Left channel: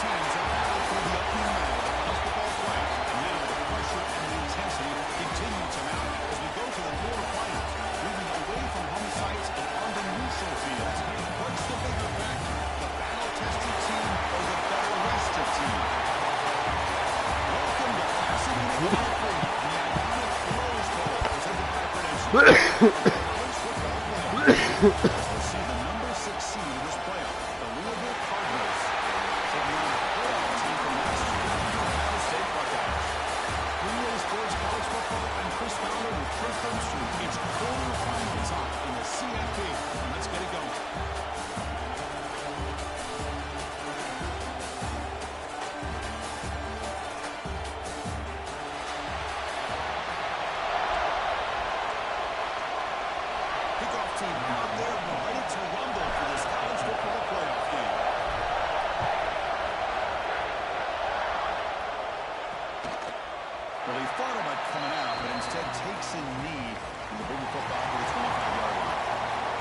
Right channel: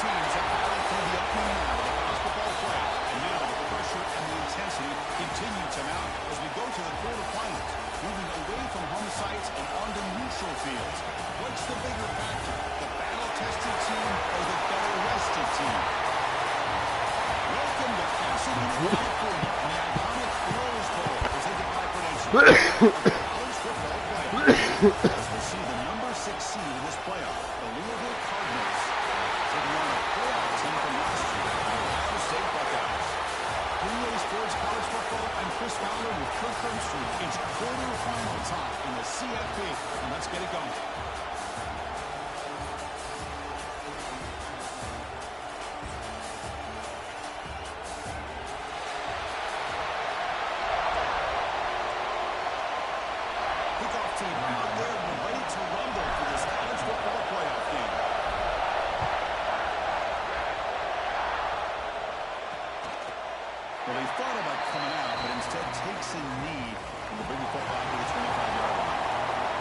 teams have battled through the opening round of the college football playoff, and now the pressure and the intensity continue to mount as we go to the quarterfinals, moving away from home sites and onto neutral fields. What's the bigger factor, the battle-tested team or the better-rested team? Welcome to Pasadena, California, in the iconic Rose Bowl, presented by Prudential. College football playoff. As we'll see the number 6 seed in this playoff, the Louisville Cardinals, taking on a playoff team from last year, the Ohio State Buckeyes. Three-way sports college football, I'm Chris Fowler with Kirk Herbstreit. It's quarterfinal time in the CFP, and let's get it going. Kickoff team out there, we're ready to rumble for this college football playoff game. Well, he thought about coming out, but instead takes a knee and will bring the football to the 25-yard line.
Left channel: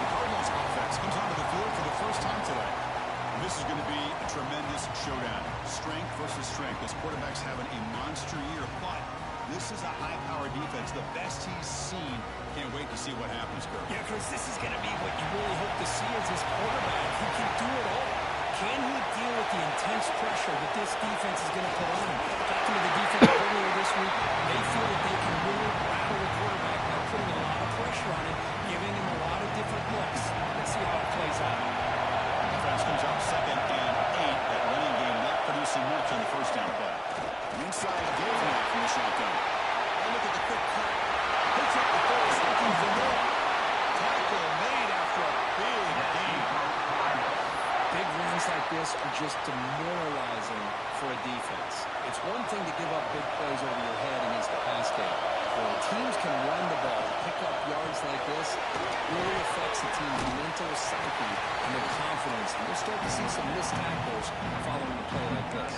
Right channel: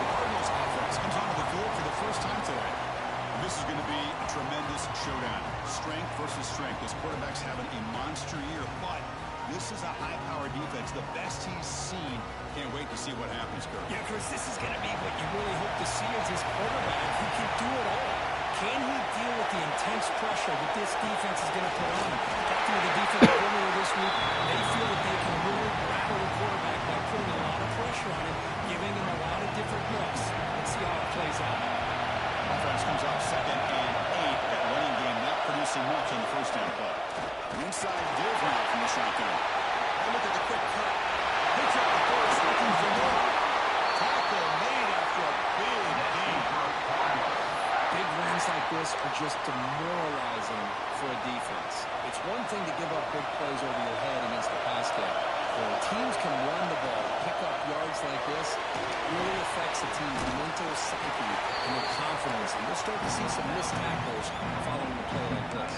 The Cardinals offense comes onto the field for the first time today. And this is going to be a tremendous showdown. Strength versus strength. This quarterback's having a monster year, but this is a high-powered defense, the best he's seen. Can't wait to see what happens, Kirk. Yeah, Chris, this is going to be what you really hope to see as this quarterback who can do it all. Can he deal with the intense pressure that this defense is going to put on him? Talking to the defense earlier this week, they feel that they can really rattle the quarterback by putting a lot of pressure on him, giving him a lot of different looks. Let's see how it plays out. Offense comes up 2nd and 8. That running game not producing much on the first down play. Inside deals now from the shotgun. Oh, look at the quick cut. Picks up the force, looking for more. Tackle made after a big gain. Big runs like this are just demoralizing for a defense. It's one thing to give up big plays over your head against the pass game. When teams can run the ball, pick up yards like this, it really affects the team's mental psyche and their confidence. And we'll start to see some missed tackles following a play like this.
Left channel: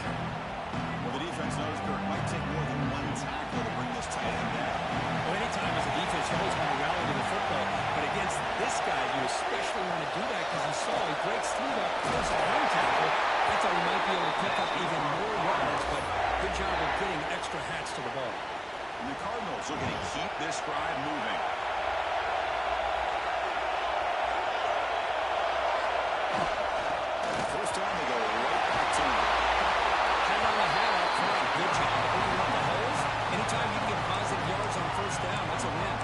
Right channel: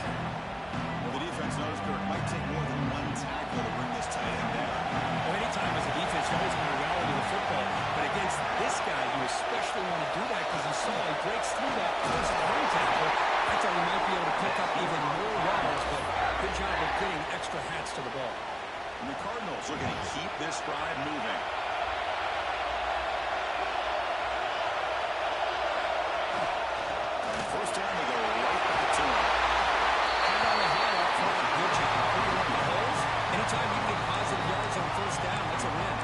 Well, the defense knows, Kirk, might take more than one tackle to bring this tight end down. Well, anytime as a defense, you always want to rally to the football. But against this guy, you especially want to do that because you saw he breaks through that close to the run tackle. I thought he might be able to pick up even more yards, but good job of getting extra hats to the ball. And the Cardinals are going to keep this drive moving. And first down, they go right back to him. Hand on the hand up front. Good job opening up the holes. Anytime you can get positive yards on first down, that's a win.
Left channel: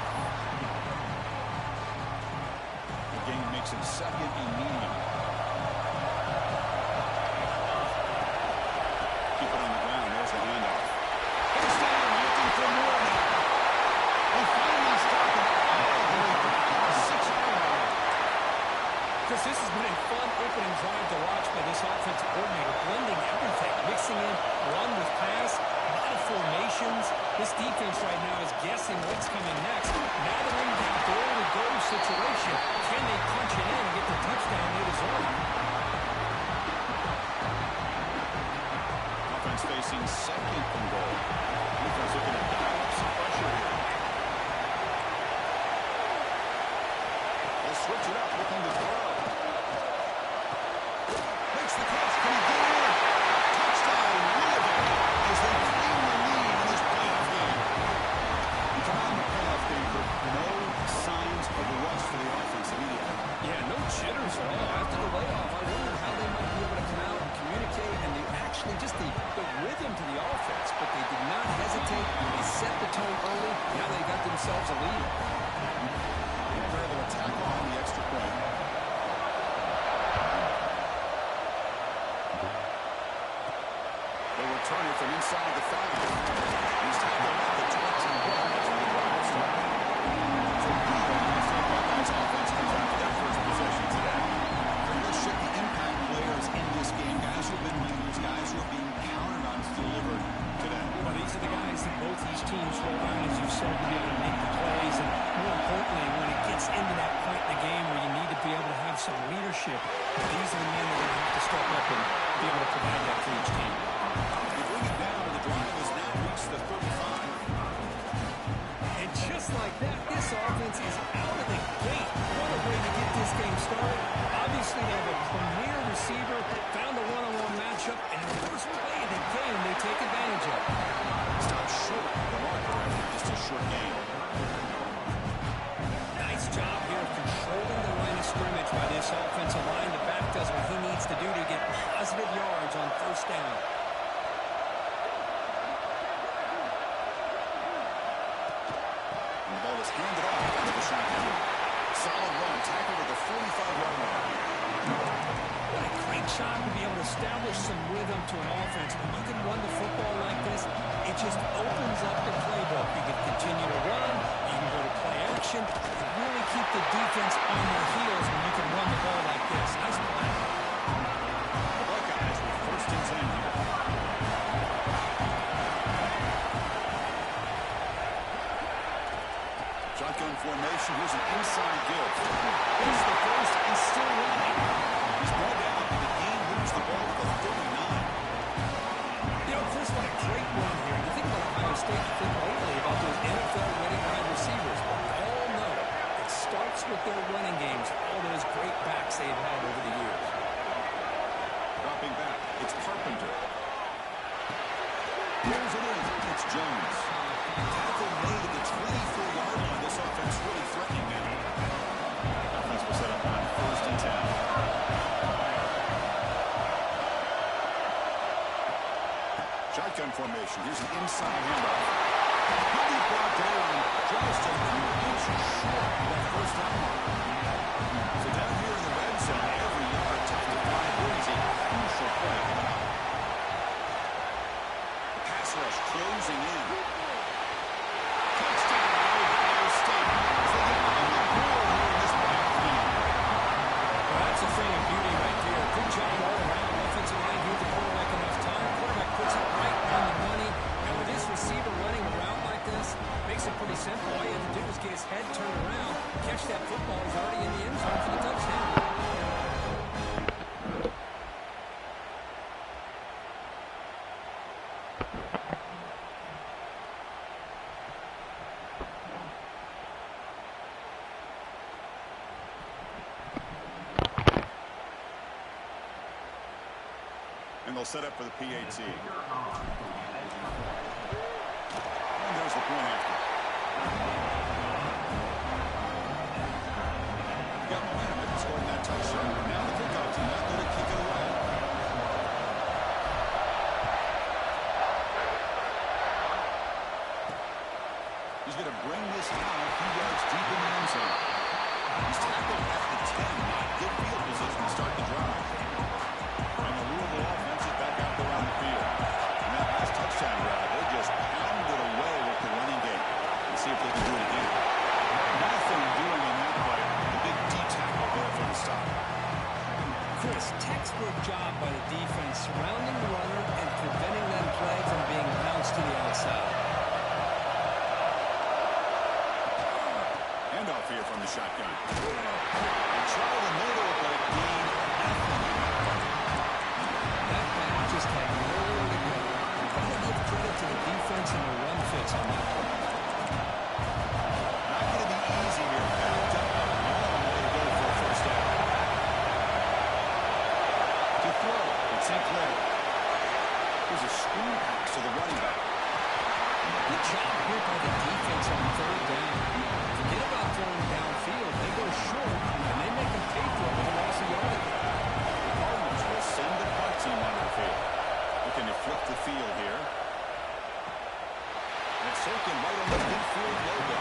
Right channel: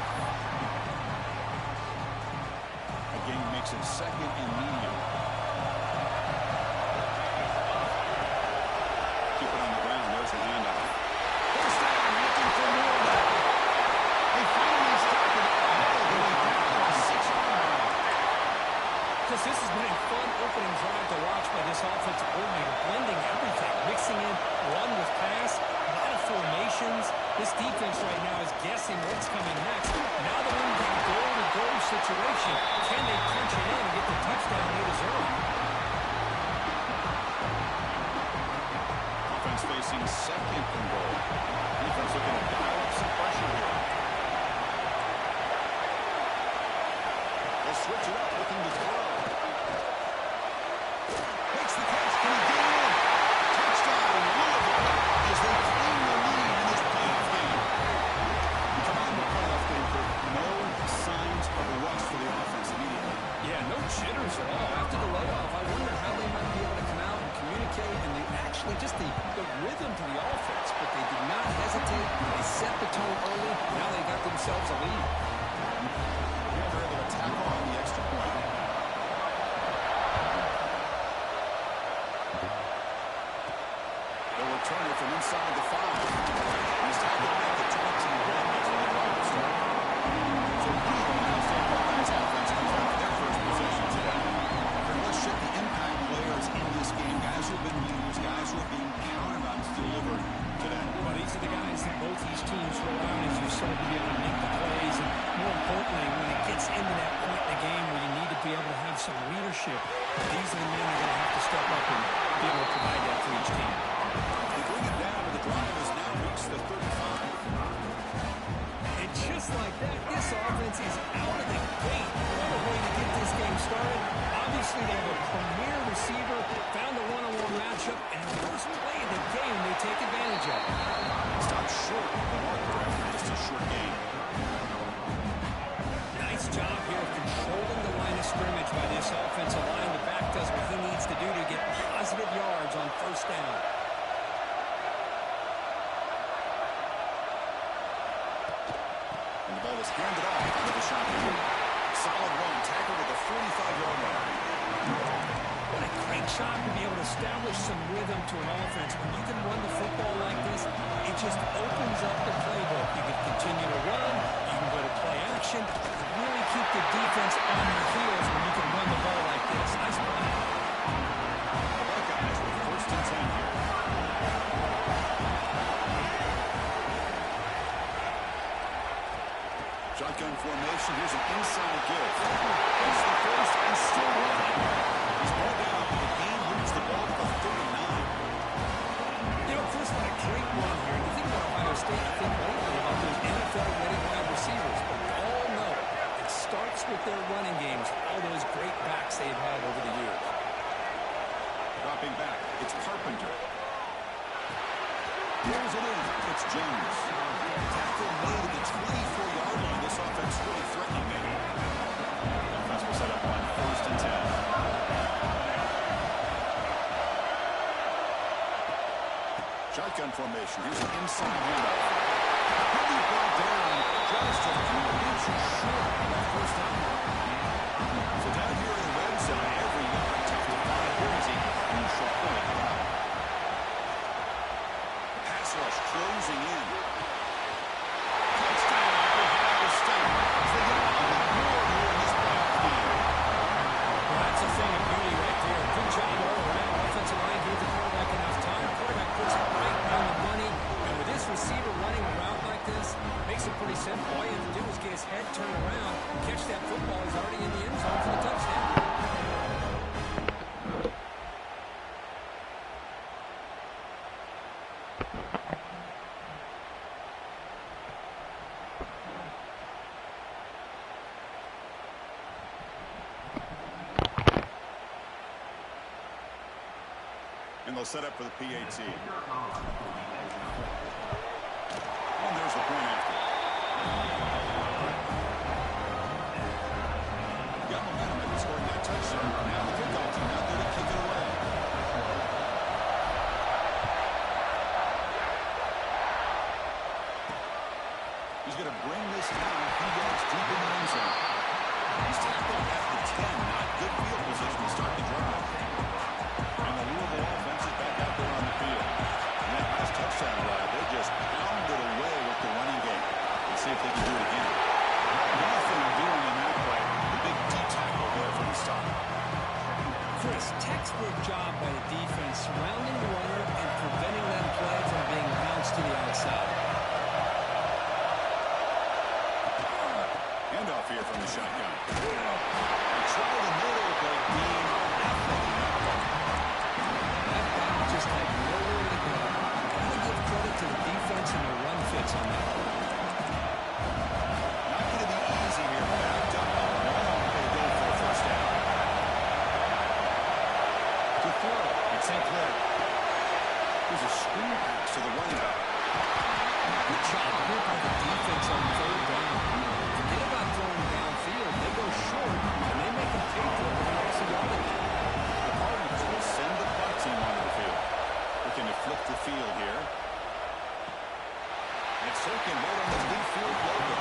Again, he makes it 2nd and medium. Keep it on the ground. There's the handoff. First down, looking for more now. They finally started all the way back to the 6-yard line. Chris, this has been a fun opening drive to watch by this offensive coordinator, blending everything, mixing in run with pass, a lot of formations. This defense right now is guessing what's coming next. Now they're in that goal-to-goal situation. Can they punch it in and get the touchdown they deserve? Offense facing 2nd and goal. Defense looking to dial up some pressure here. They'll switch it up, looking to throw. Makes the catch. Can he get in? Touchdown, Louisville, as they claim the lead in this playoff game. We come out in the playoff game for no signs of a rust for the offense immediately. Yeah, no jitters at all. After the layoff, I wondered how they might be able to come out and communicate and actually just the rhythm to the offense. But they did not hesitate. They set the tone early. Now they got themselves a lead. Yeah, they're able to tack on the extra point. They'll return it from inside the 5. He's tackled at the 21. That's where the drive will start. So the Ohio State Buckeyes offense comes out for their first possession today. Let's check the impact players in this game. Guys who have been leaders, guys who are being counted on to deliver today. Well, these are the guys that both these teams rely on, as you said, to be able to make the plays. And more importantly, when it gets into that point in the game where you need to be able to have some leadership, these are the men that are going to have to step up and be able to provide that for each team. They bring it down, and the drive has now reached the 35. And just like that, this offense is out of the gate. What a way to get this game started. Obviously, they have a premier receiver, found a one-on-one matchup, and This offensive line, the back does what he needs to do to get positive yards on first down. And the ball is handed off out of the shotgun. Solid run, tackled at the 45-yard line. What a great job to be able to establish some rhythm to an offense. When you can run the football like this, it just opens up the playbook. You can continue to run, you can go to play action, and really keep the defense on their heels when you can run the ball like this. Nice play. The Buckeyes with 1st and 10 here. Shotgun formation. Here's an inside give. Here's the first and still running. He's brought down, but the game moves the ball to the 39. You know, Chris, what a great run here. You think about Ohio State, you think lately about those NFL-ready wide receivers. But we all know it starts with their running games, all those great backs they've had over the years. Dropping back, it's Carpenter. Pulls it in. It's Jones. Tackle made at the 24-yard line. This offense really threatening now. The offense will set up on 1st and 10. Shotgun formation. Here's an inside handoff. He'll be brought down just a few inches short of that first down mark. So down here in the red zone, every yard tough to find. Here is a crucial play coming up. Rush closing in. Touchdown, Ohio State. As they get on the board here in this playoff game. Well, that's a thing of beauty right there. Good job all around. Offensive line gave the quarterback enough time. Quarterback puts it right on the money. And with this receiver running a route like this, makes it pretty simple. All you have to do is get his head turned around, catch that football. He's already in the end zone for the touchdown. And they'll set up for the PAT. And there's the point after. Got momentum after scoring that touchdown. Now the kickoff team out there to kick it away. He's going to bring this now a few yards deep in the end zone. He's tackled at the 10. Not good field position to start the drive. And the Louisville offense is back out there on the field. And that last touchdown drive, they just pounded away with the running game. Let's see if they can do it again. Nothing doing in that play. The big D tackle there for the stop. Chris, textbook job by the defense surrounding the runner and preventing that play from being bounced to the outside. Handoff here from the shotgun. They try the middle, but gain nothing in that play. That back just had nowhere to go. You've got to give credit to the defense and their run fits on that play. Not going to be easy here. Backed up a long way to go for a first down. To throw, it's St. Clair. There's a screen pass to the running back. Good job here by the defense on 3rd down. Forget about throwing downfield. They go short, and they make them pay for it with a loss of yardage. The Cardinals will send the punt team onto the field. Looking to flip the field here. And it's taken right on the midfield logo.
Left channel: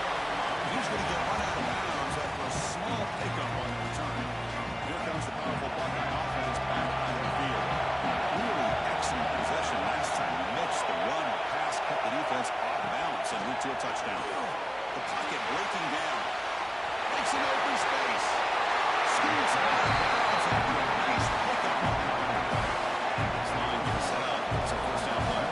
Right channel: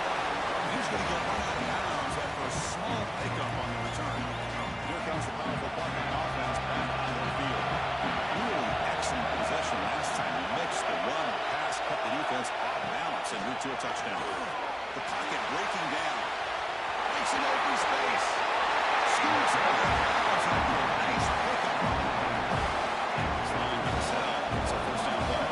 He's going to get run out of bounds after a small pickup on the return. Here comes the powerful Buckeye offense back onto the field. Really excellent possession last time. He mixed the run or pass, kept the defense off balance and route to a touchdown. The pocket breaking down. Makes an open space. Scoots out of bounds after a nice pickup on that running play. This line gets set up. It's a first down play.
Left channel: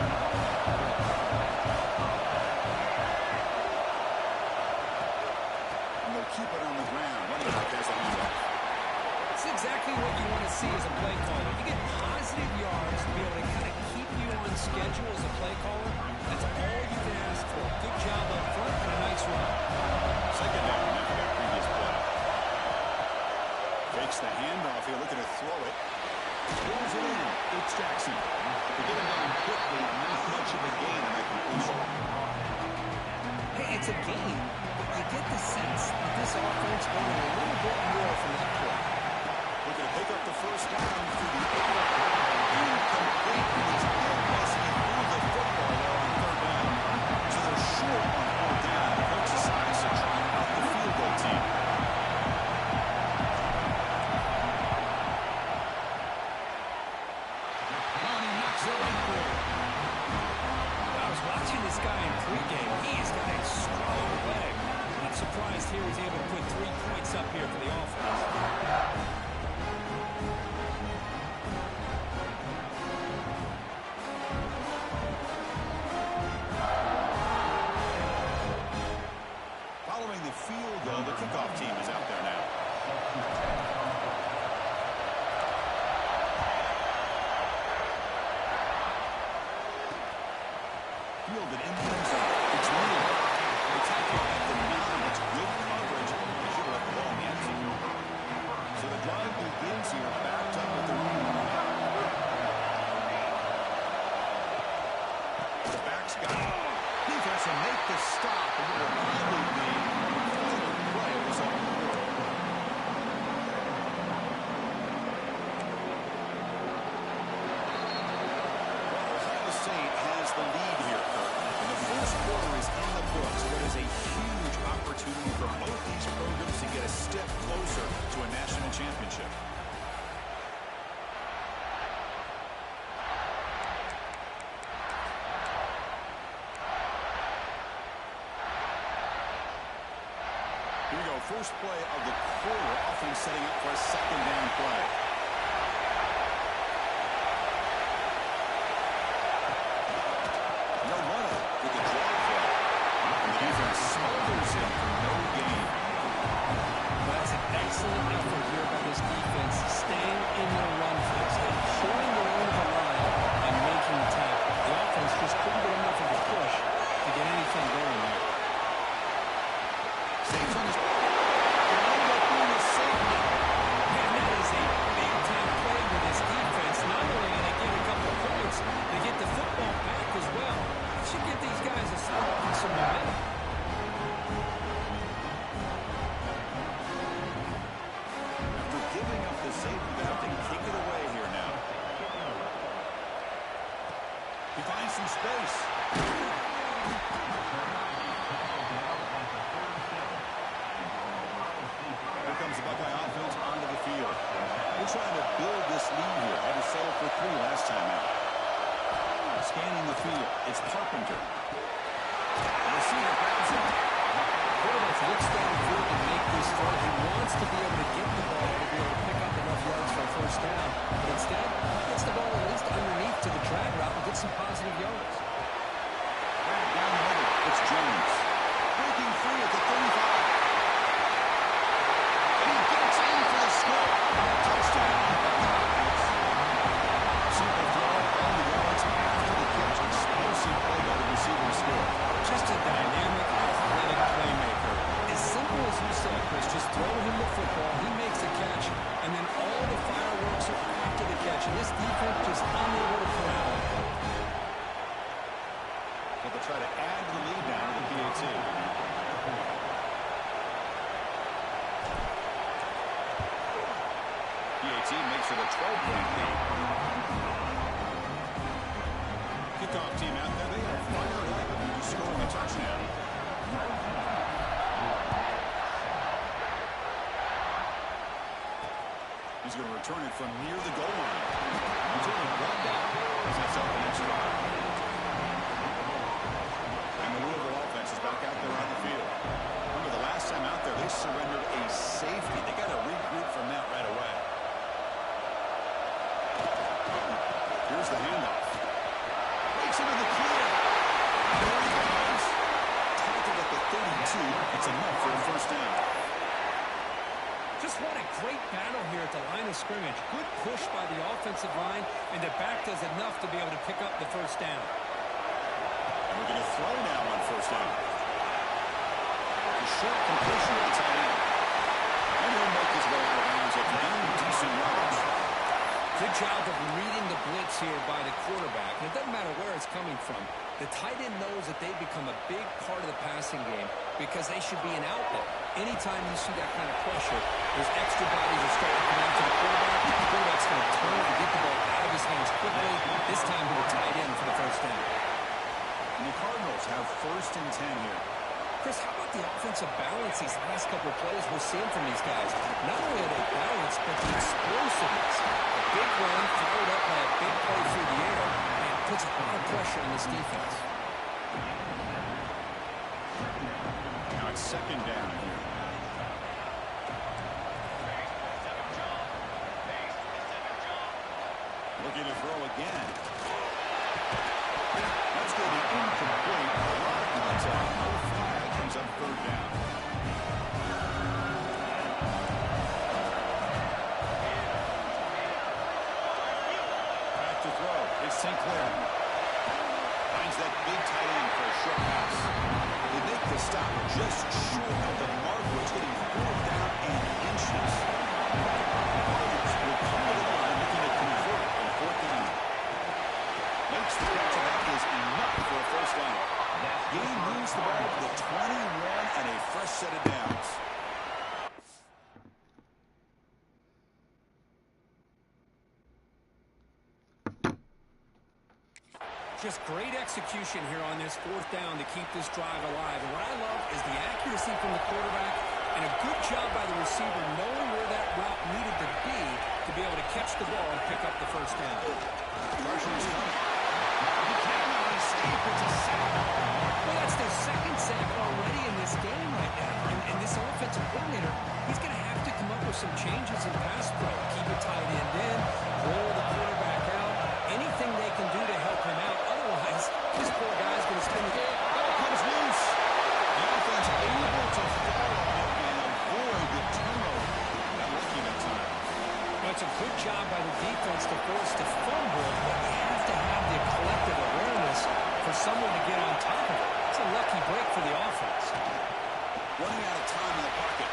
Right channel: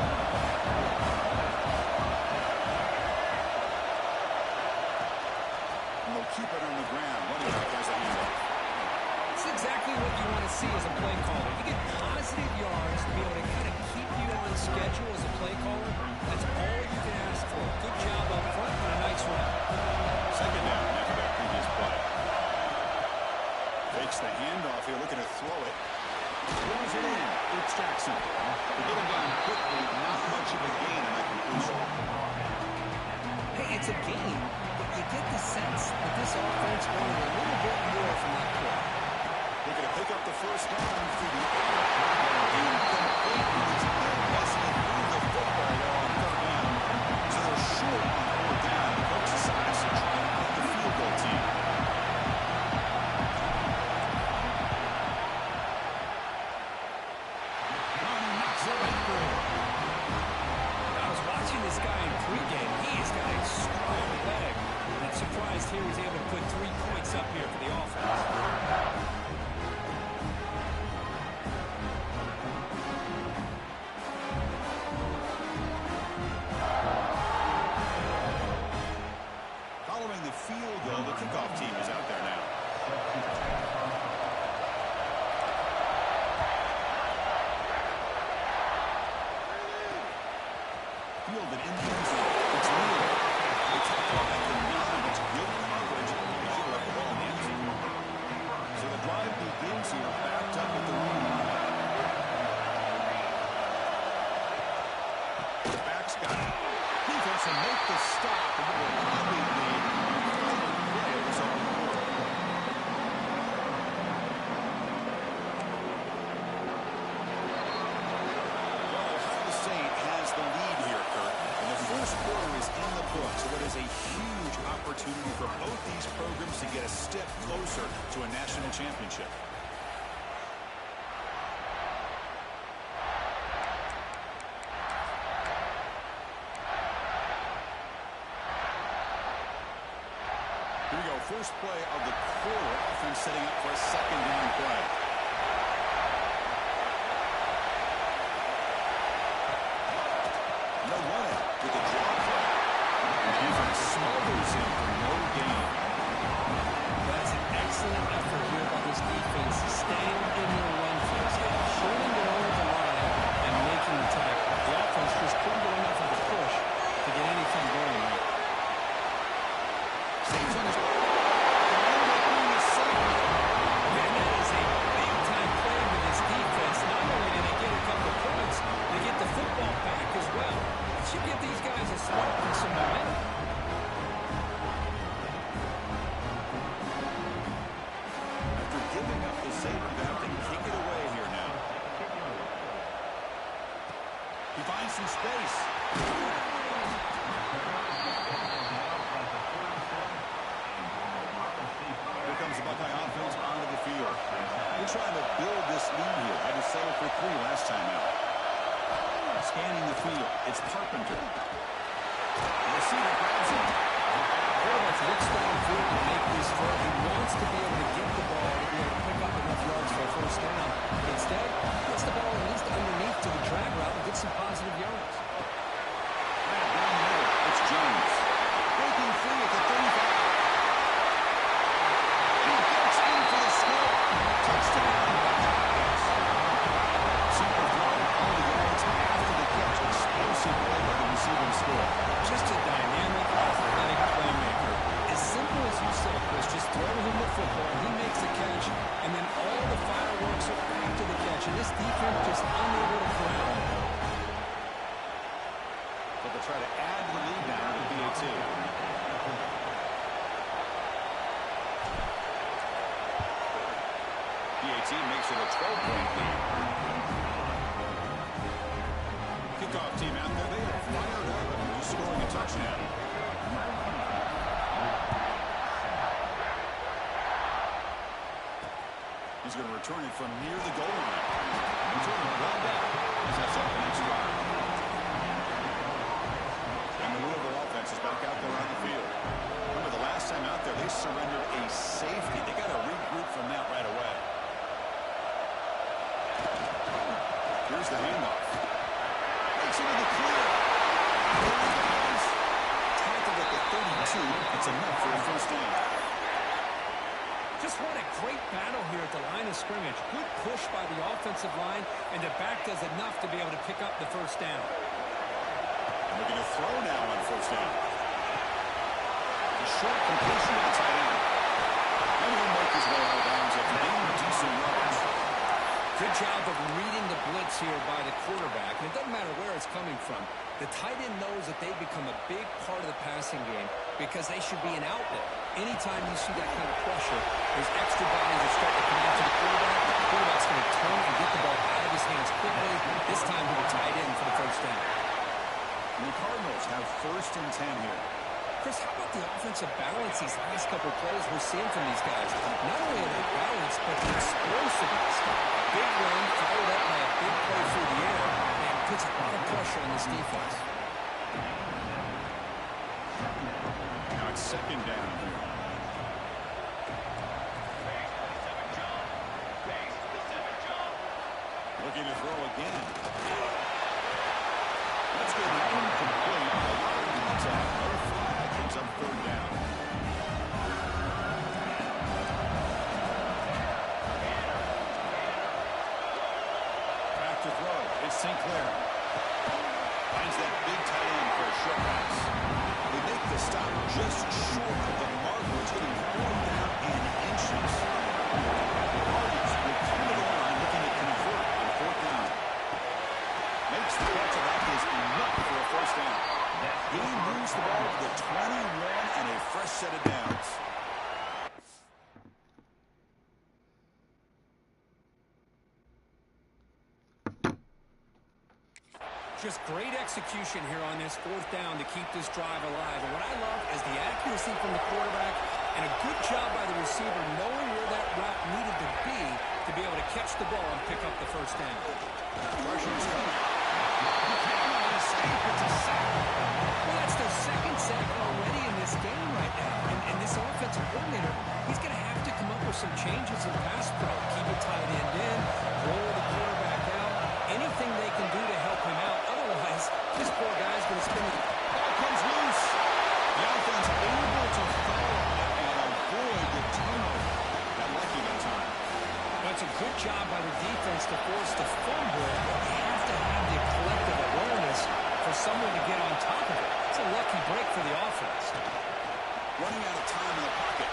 And they'll keep it on the ground. Running back has a handoff. It's exactly what you want to see as a play caller. You get positive yards to be able to kind of keep you on schedule as a play caller. That's all you can ask for. Good job up front and a nice run. Second down after that previous play. Fakes the handoff here, looking to throw it. Throws it in. It's Jackson. They get him down quickly. Not much of a gain on that conclusion. Hey, it's a gain, but you get the sense that this offense wanted a little bit more from that play. Looking to pick up the first down through the air. Incomplete. He's unlessly moved the football there on third down. So they're short on fourth down. The coach decides to try out the field goal team. He knocks it right through. I was watching this guy in pregame. He's got a strong leg. I'm surprised here he's able to put 3 points up here for the offense. Following the field goal, the kickoff team is out there now. Fielded in the end zone. It's Wheeler. They tackle him at the 9. It's good coverage. They should have left the ball in the end zone. So the drive begins here, backed up at their own line. The back's got it. Defense will make the stop, and it will probably be the final play of this open quarter. Well, Ohio State has the lead here, Kurt, and the first quarter is in the books. So it is a huge opportunity for both these programs to get a step closer to a national championship. Here we go, first play of the quarter. Offense setting up for a second down play. No running with the draw play. And the defense smothers him for no gain. That's an excellent effort here by this defense, staying in their run phase, holding their own at the line and making the tackle. The offense just couldn't get enough of a push to get anything going there. Saves on his... Can end up being a safety. Man, that is a big-time play with this defense. Not only did they get a couple of points, they get the football back as well. It should give these guys a spark and some momentum. After giving up the safety, they have to kick it away here now. He finds some space. Here comes the Buckeye offense onto the field. They're trying to build this lead here. Had to settle for 3 last time out. Scanning the field. It's Carpenter. The receiver grabs him. Quarterback looks downfield to make this throw. He wants to be able to get the ball to be able to pick up enough yards for a first down. But instead, gets the ball at least underneath to the drag route and gets some positive yards. Right down the middle. It's Jones. Breaking free at the 35. And he gets in for the score. Touchdown, Buckeyes. Simple throw, all the yards after the catch. Explosive play by the receiver to score. Just a dynamic, athletic playmaker. As simple as you said, Chris, just throw him the football, he makes a catch, and then all the fireworks are after the catch. And this defense just unable to corral him. So they'll try to add the lead now to the PAT. PAT makes it a 12-point lead. Kickoff team out there, they are fired up and just scoring a touchdown. He's going to return it from near the goal line. Return it one down. Sets up the next drive. And the Louisville offense is back out there on the field. Remember, the last time out there, they surrendered a safety. They got to regroup from that right away. Here's the handoff. Breaks into the clear. There he goes. Tackled at the 32. It's enough for a first down. Just what a great battle here at the line of scrimmage. Good push by the offensive line, and the back does enough to be able to pick up the first down. And we're going to throw now on first down. The short completion of the tight end. And he'll make his way out of bounds after getting decent yards. Good job of reading the blitz here by the quarterback. And it doesn't matter where it's coming from. The tight end knows that they've become a big part of the passing game because they should be an outlet. Anytime you see that kind of pressure, those extra bodies are starting to come out to the quarterback. The quarterback's going to turn and get the ball out of his hands quickly, this time to the tight end for the first down. And the Cardinals have 1st and 10 here. Chris, how about the offensive balance these last couple of plays we're seeing from these guys? Not only are they balanced, but the explosiveness. A big run followed up by a big play through the air. Man, puts a lot of pressure on this defense. Now it's 2nd down here. Looking to throw again. That's going to be incomplete. A lot of contact. No flag. Comes up 3rd down. Back to throw. It's St. Clair. Finds that big tight end for a short pass. They make the stop just short of the marker. It's getting 4th down and inches. The Cardinals will come to the line looking to convert on 4th down. Makes the catch, and that is enough for a first down. He moves the ball to the 21 and a fresh set of downs. Just great execution here on this 4th down to keep this drive alive. And what I love is the accuracy from the quarterback and a good job by the receiver knowing where that route needed to be able to catch the ball and pick up the first down. Pressure is coming. He cannot escape. It's a sack. Well, that's their 2nd sack already in this game right now. And this offensive coordinator, he's going to have to come up with some changes in pass pro. Keep a tight end in, roll the quarterback out, anything they can do to help him out. Otherwise, this poor guy's going to spin it. Ball comes loose. The offense able to fall on it and avoid the turnover. Got lucky that time. Well, it's a good job by the defense to force the fumble, but you have to have the collective awareness for someone to get on top of it. It's a lucky break for the offense. Running out of time in the pocket.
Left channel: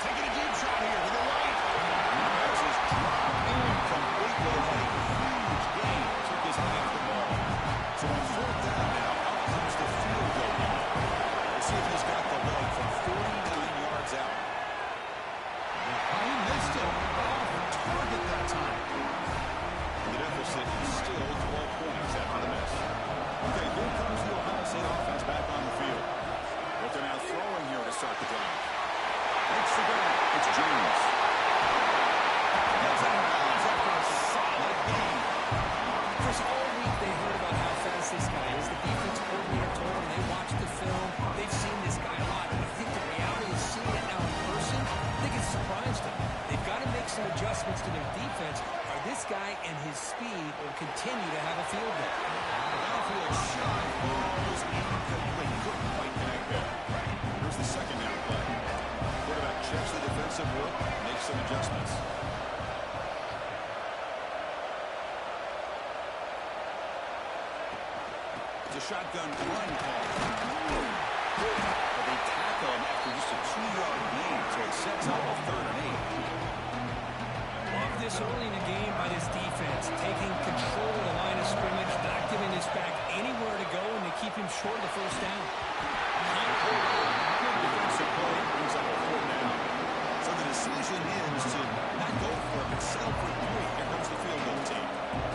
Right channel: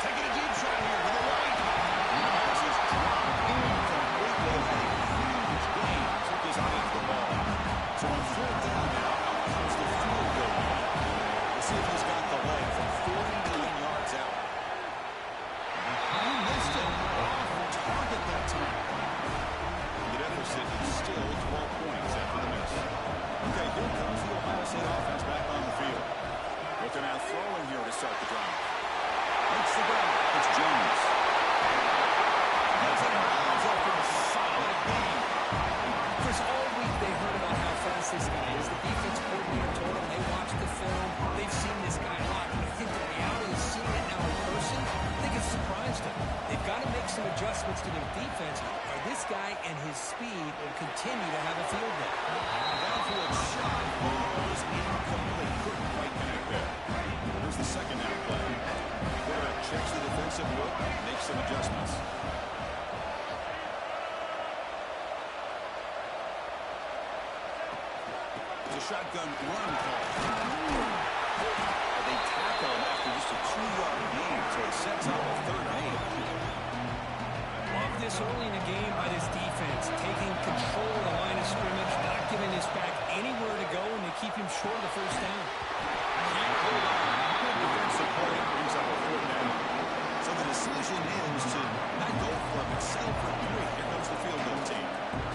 Taking a deep shot here to the right. The pass is dropped incompletely. Had a huge gain. Took his eye off the ball. So on 4th down now, out comes the field goal unit. We'll see if he's got the leg from 49 yards out. He missed it. Off target that time. The deficit is still 12 points after the miss. Okay, here comes the Ohio State offense back on the field. But they're now throwing here to start the drive. Makes the grab. It's James. Gets out of bounds after a solid gain. Chris, all week they heard about how fast this guy is. The defense coordinator told them they watched the film. They've seen this guy a lot. But I think the reality is seeing it now in person, I think it's surprised them. They've got to make some adjustments to their defense, or this guy and his speed will continue to have a field day. Downfield shot falls incomplete. Couldn't quite connect there. Here's the 2nd down play. Quarterback checks the defensive look, makes some adjustments. It's a shotgun run call. But they tackle him after just a 2-yard gain, so it sets up a 3rd and 8. Love this early in the game by this defense, taking control of the line of scrimmage, not giving this back anywhere to go, and they keep him short of the first down. Can't hold on. Good defensive play brings up a 4th down. So the decision is to not go for it, but settle for 3. Here comes the field goal team.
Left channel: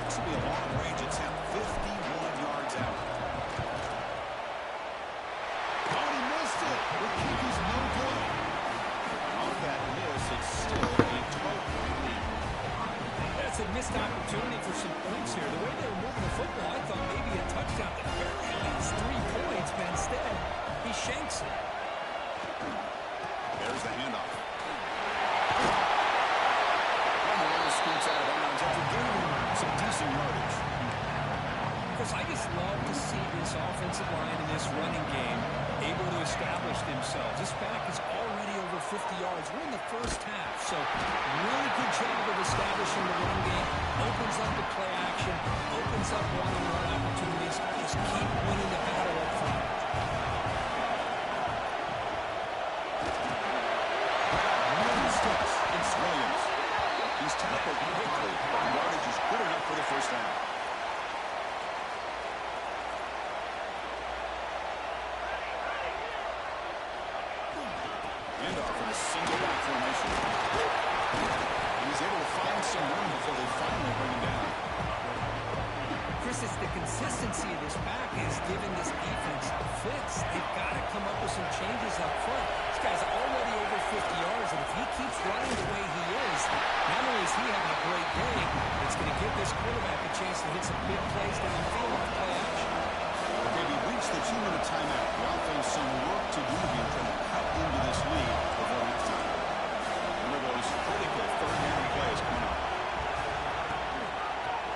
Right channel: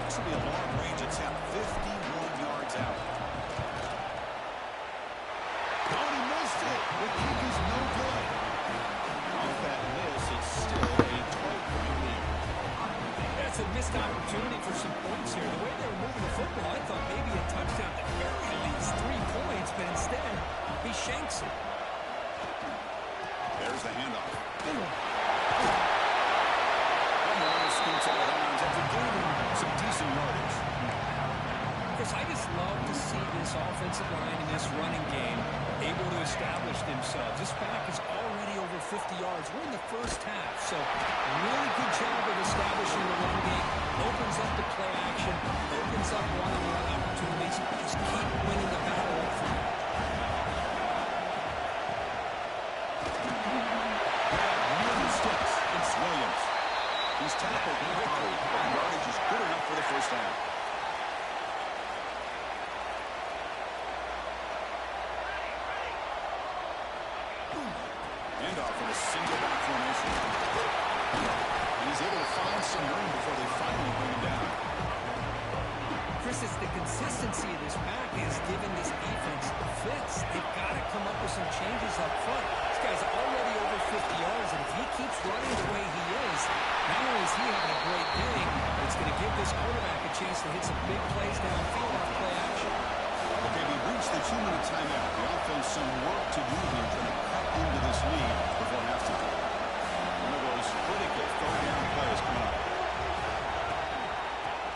This will be a long-range attempt, 51 yards out. Oh, he missed it. The kick is no good. Off that miss, it's still a 12-point lead. That's a missed opportunity for some points here. The way they were moving the football, I thought maybe a touchdown at the very least 3 points, but instead, he shanks it. There's the handoff. And the runner scoots out of bounds after gaining some decent yardage. Chris, I just love to see this offensive line in this running game able to establish themselves. This back is already over 50 yards. We're in the first half, so really good job of establishing the run game. Opens up the play action, opens up one-on-one opportunities. Just keep winning the battle up front. Sticks. It's Williams. He's tackled quickly, but the yardage is good enough for the first down. Handoff in a single back formation. And he's able to find some room before they finally bring him down. Chris, it's the consistency of this back is giving this defense fits. They've got to come up with some changes up front. This guy's already over 50 yards, and if he keeps running the way he is, not only is he having a great day, it's going to give this quarterback a chance to hit some big plays downfield off play action. Okay, we've reached the 2-minute timeout. The offense some work to do here trying to cut into this lead before halftime. One of those critical third down plays coming up.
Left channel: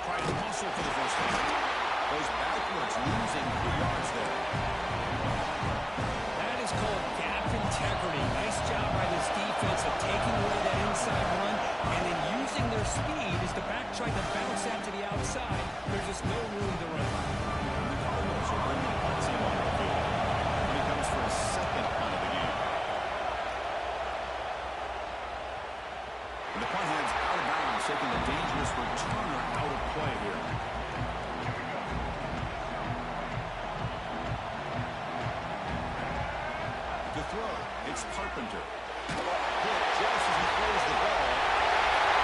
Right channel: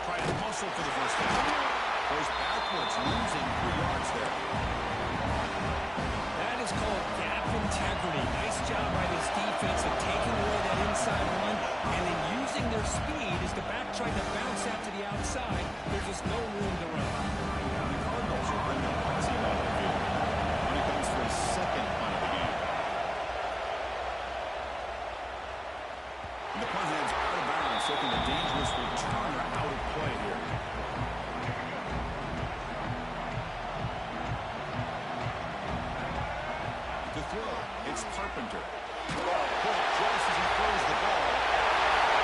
Trying to muscle for the first down. Goes backwards, losing 3 yards there. That is called gap integrity. Nice job by this defense of taking away that inside run and then using their speed as the back tried to bounce out to the outside. There's just no room to run. And the Cardinals will bring the punt team onto the field. When he comes for his second punt of the game. And the punt heads out of bounds, taking the dangerous returner out of play here. To throw, it's Carpenter. Hit just as he throws the ball.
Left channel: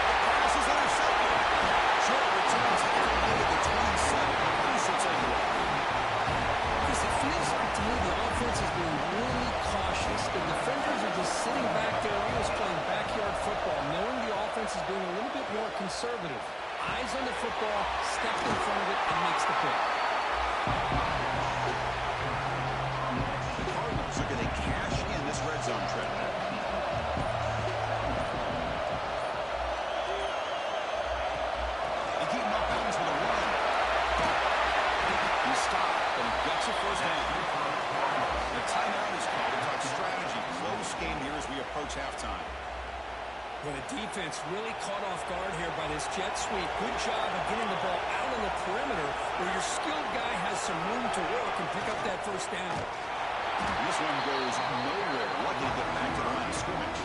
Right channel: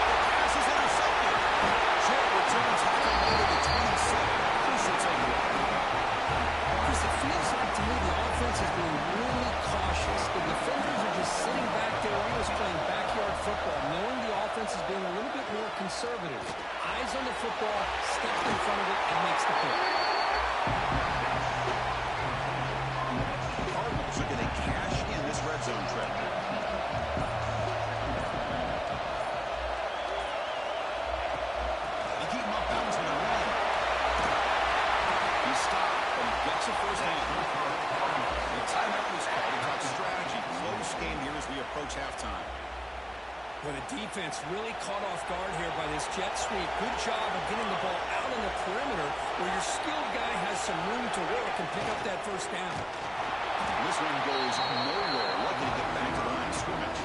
The pass is intercepted. Short return tackle made at the 27. Crucial takeaway. Chris, it feels like to me the offense is being really cautious. The defenders are just sitting back there almost playing backyard football, knowing the offense is being a little bit more conservative. Eyes on the football, steps in front of it, and makes the pick. The Cardinals are going to cash in this red zone trip. You keep him up bounds with a run. He's stopped, but he gets a first down. The timeout is called to talk strategy. Close game here as we approach halftime. Well, the defense really caught off guard here by this jet sweep. Good job of getting the ball out on the perimeter where your skilled guy has some room to work and pick up that first down. This one goes nowhere. Lucky to get back to the line of scrimmage.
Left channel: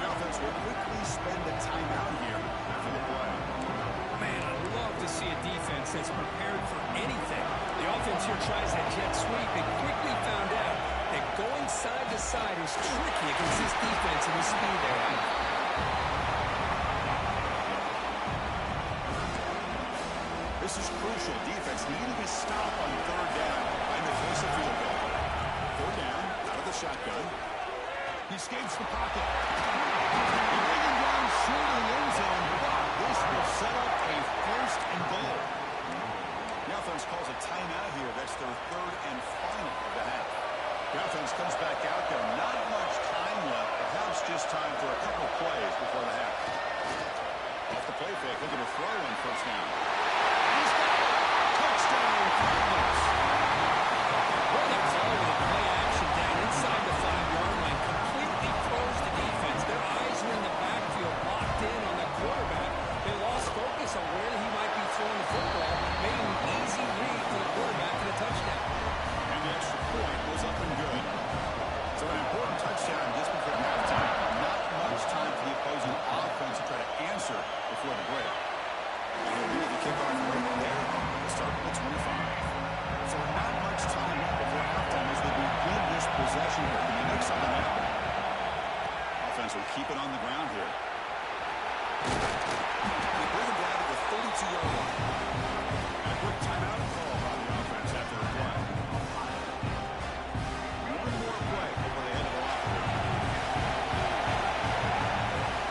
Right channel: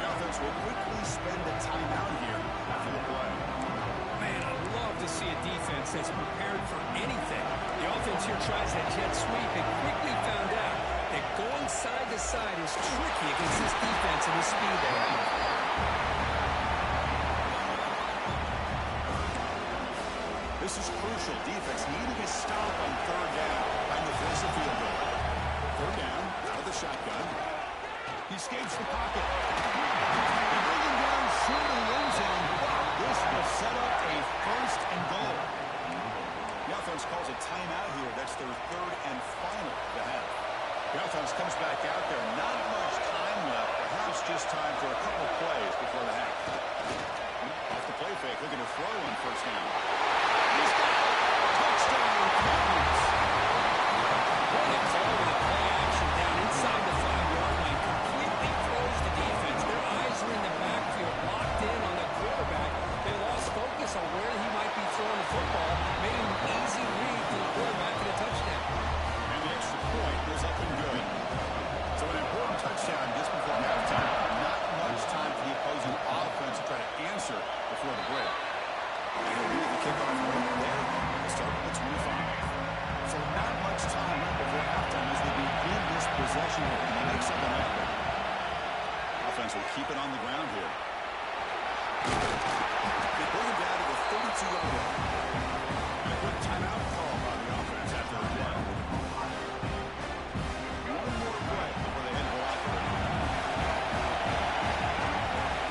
The offense will quickly spend a timeout here after the play. Man, I love to see a defense that's prepared for anything. The offense here tries that jet sweep and quickly found out that going side to side is tricky against this defense and the speed they have. This is crucial. Defense needing a stop on third down, trying to force a field goal. Third down, out of the shotgun. He escapes the pocket. They bring him down short of the end zone. This will set up a first and goal. The offense calls a timeout here. That's their third and final of the half. The offense comes back out there. Not much time left. Perhaps just time for a couple plays before the half. Off the play fake, looking to throw on first down. He's got it. Touchdown, Cardinals. What a call with a play action down inside the 5-yard line. Completely throws the defense. Their eyes are in the backfield, locked in on the quarterback. They lost focus on where he might be throwing the football. Made an easy read for the quarterback and a touchdown. And the extra point was up and good. So an important touchdown just before halftime. Not much time for the opposing offense to try to answer before the break. And he'll be the kickoff right there. We'll start at the 25. So not much time left before halftime as they begin this possession here. Can they make something happen? Offense will keep it on the ground here. They bring it down to the 32-yard line. And a quick timeout call by the offense after the play. One more play before they head to the locker room.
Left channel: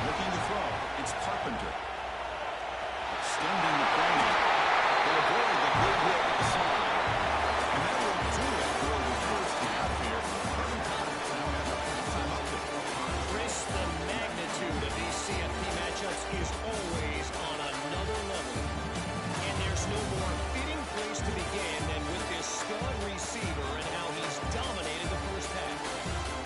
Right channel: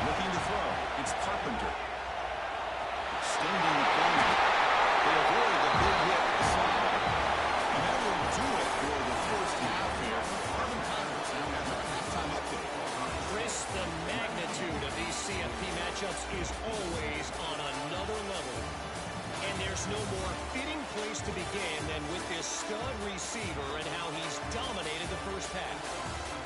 Looking to throw. It's Carpenter. Extending the play now. They avoid the big hit with the slide. And that will do it for the first half here. Kevin Connors now has our halftime update. Chris, the magnitude of these CFP matchups is always on another level. And there's no more fitting place to begin than with this stud receiver and how he's dominated the first half.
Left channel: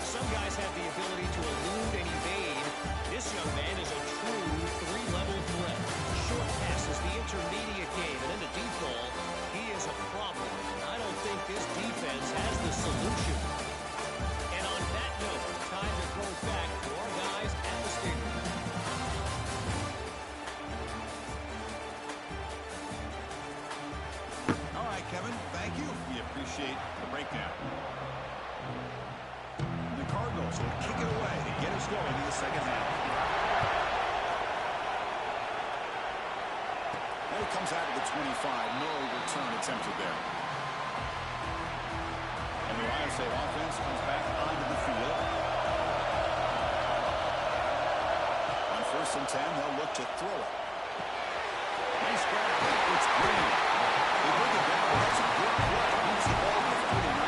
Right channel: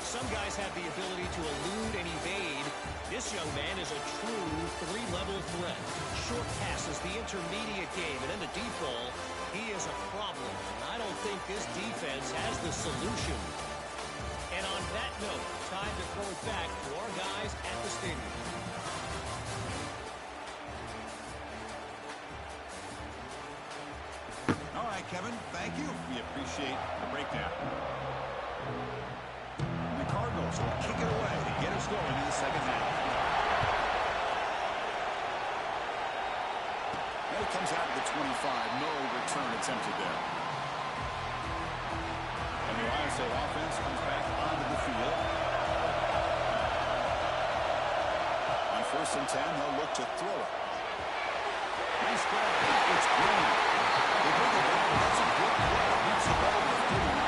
Some guys have the ability to elude and evade. This young man is a true three-level threat. Short passes, the intermediate game, and in the deep ball, he is a problem. And I don't think this defense has the solution. And on that note, time to throw it back to our guys at the stadium. right, Kevin. Thank you. We appreciate the breakdown. The Cardinals will kick it away to get us going in the second half. And it comes out of the 25. No return attempted there. And the Ohio State offense comes back onto the field. On 1st and 10, they'll look to throw it. Nice grab. It's Green. They bring it down. That's a good play. Beats the ball to 39.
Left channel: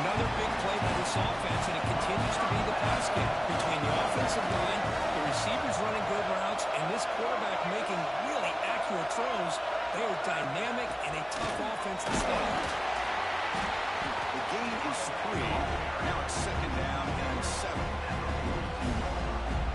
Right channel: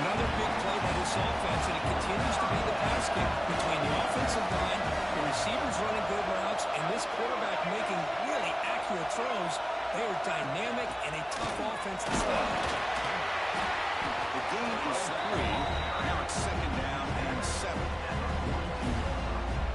Another big play by this offense, and it continues to be the pass game between the offensive line, the receivers running good routes, and this quarterback making really accurate throws. They are dynamic and a tough offense to stop. The gain is 3. Now it's 2nd down and 7.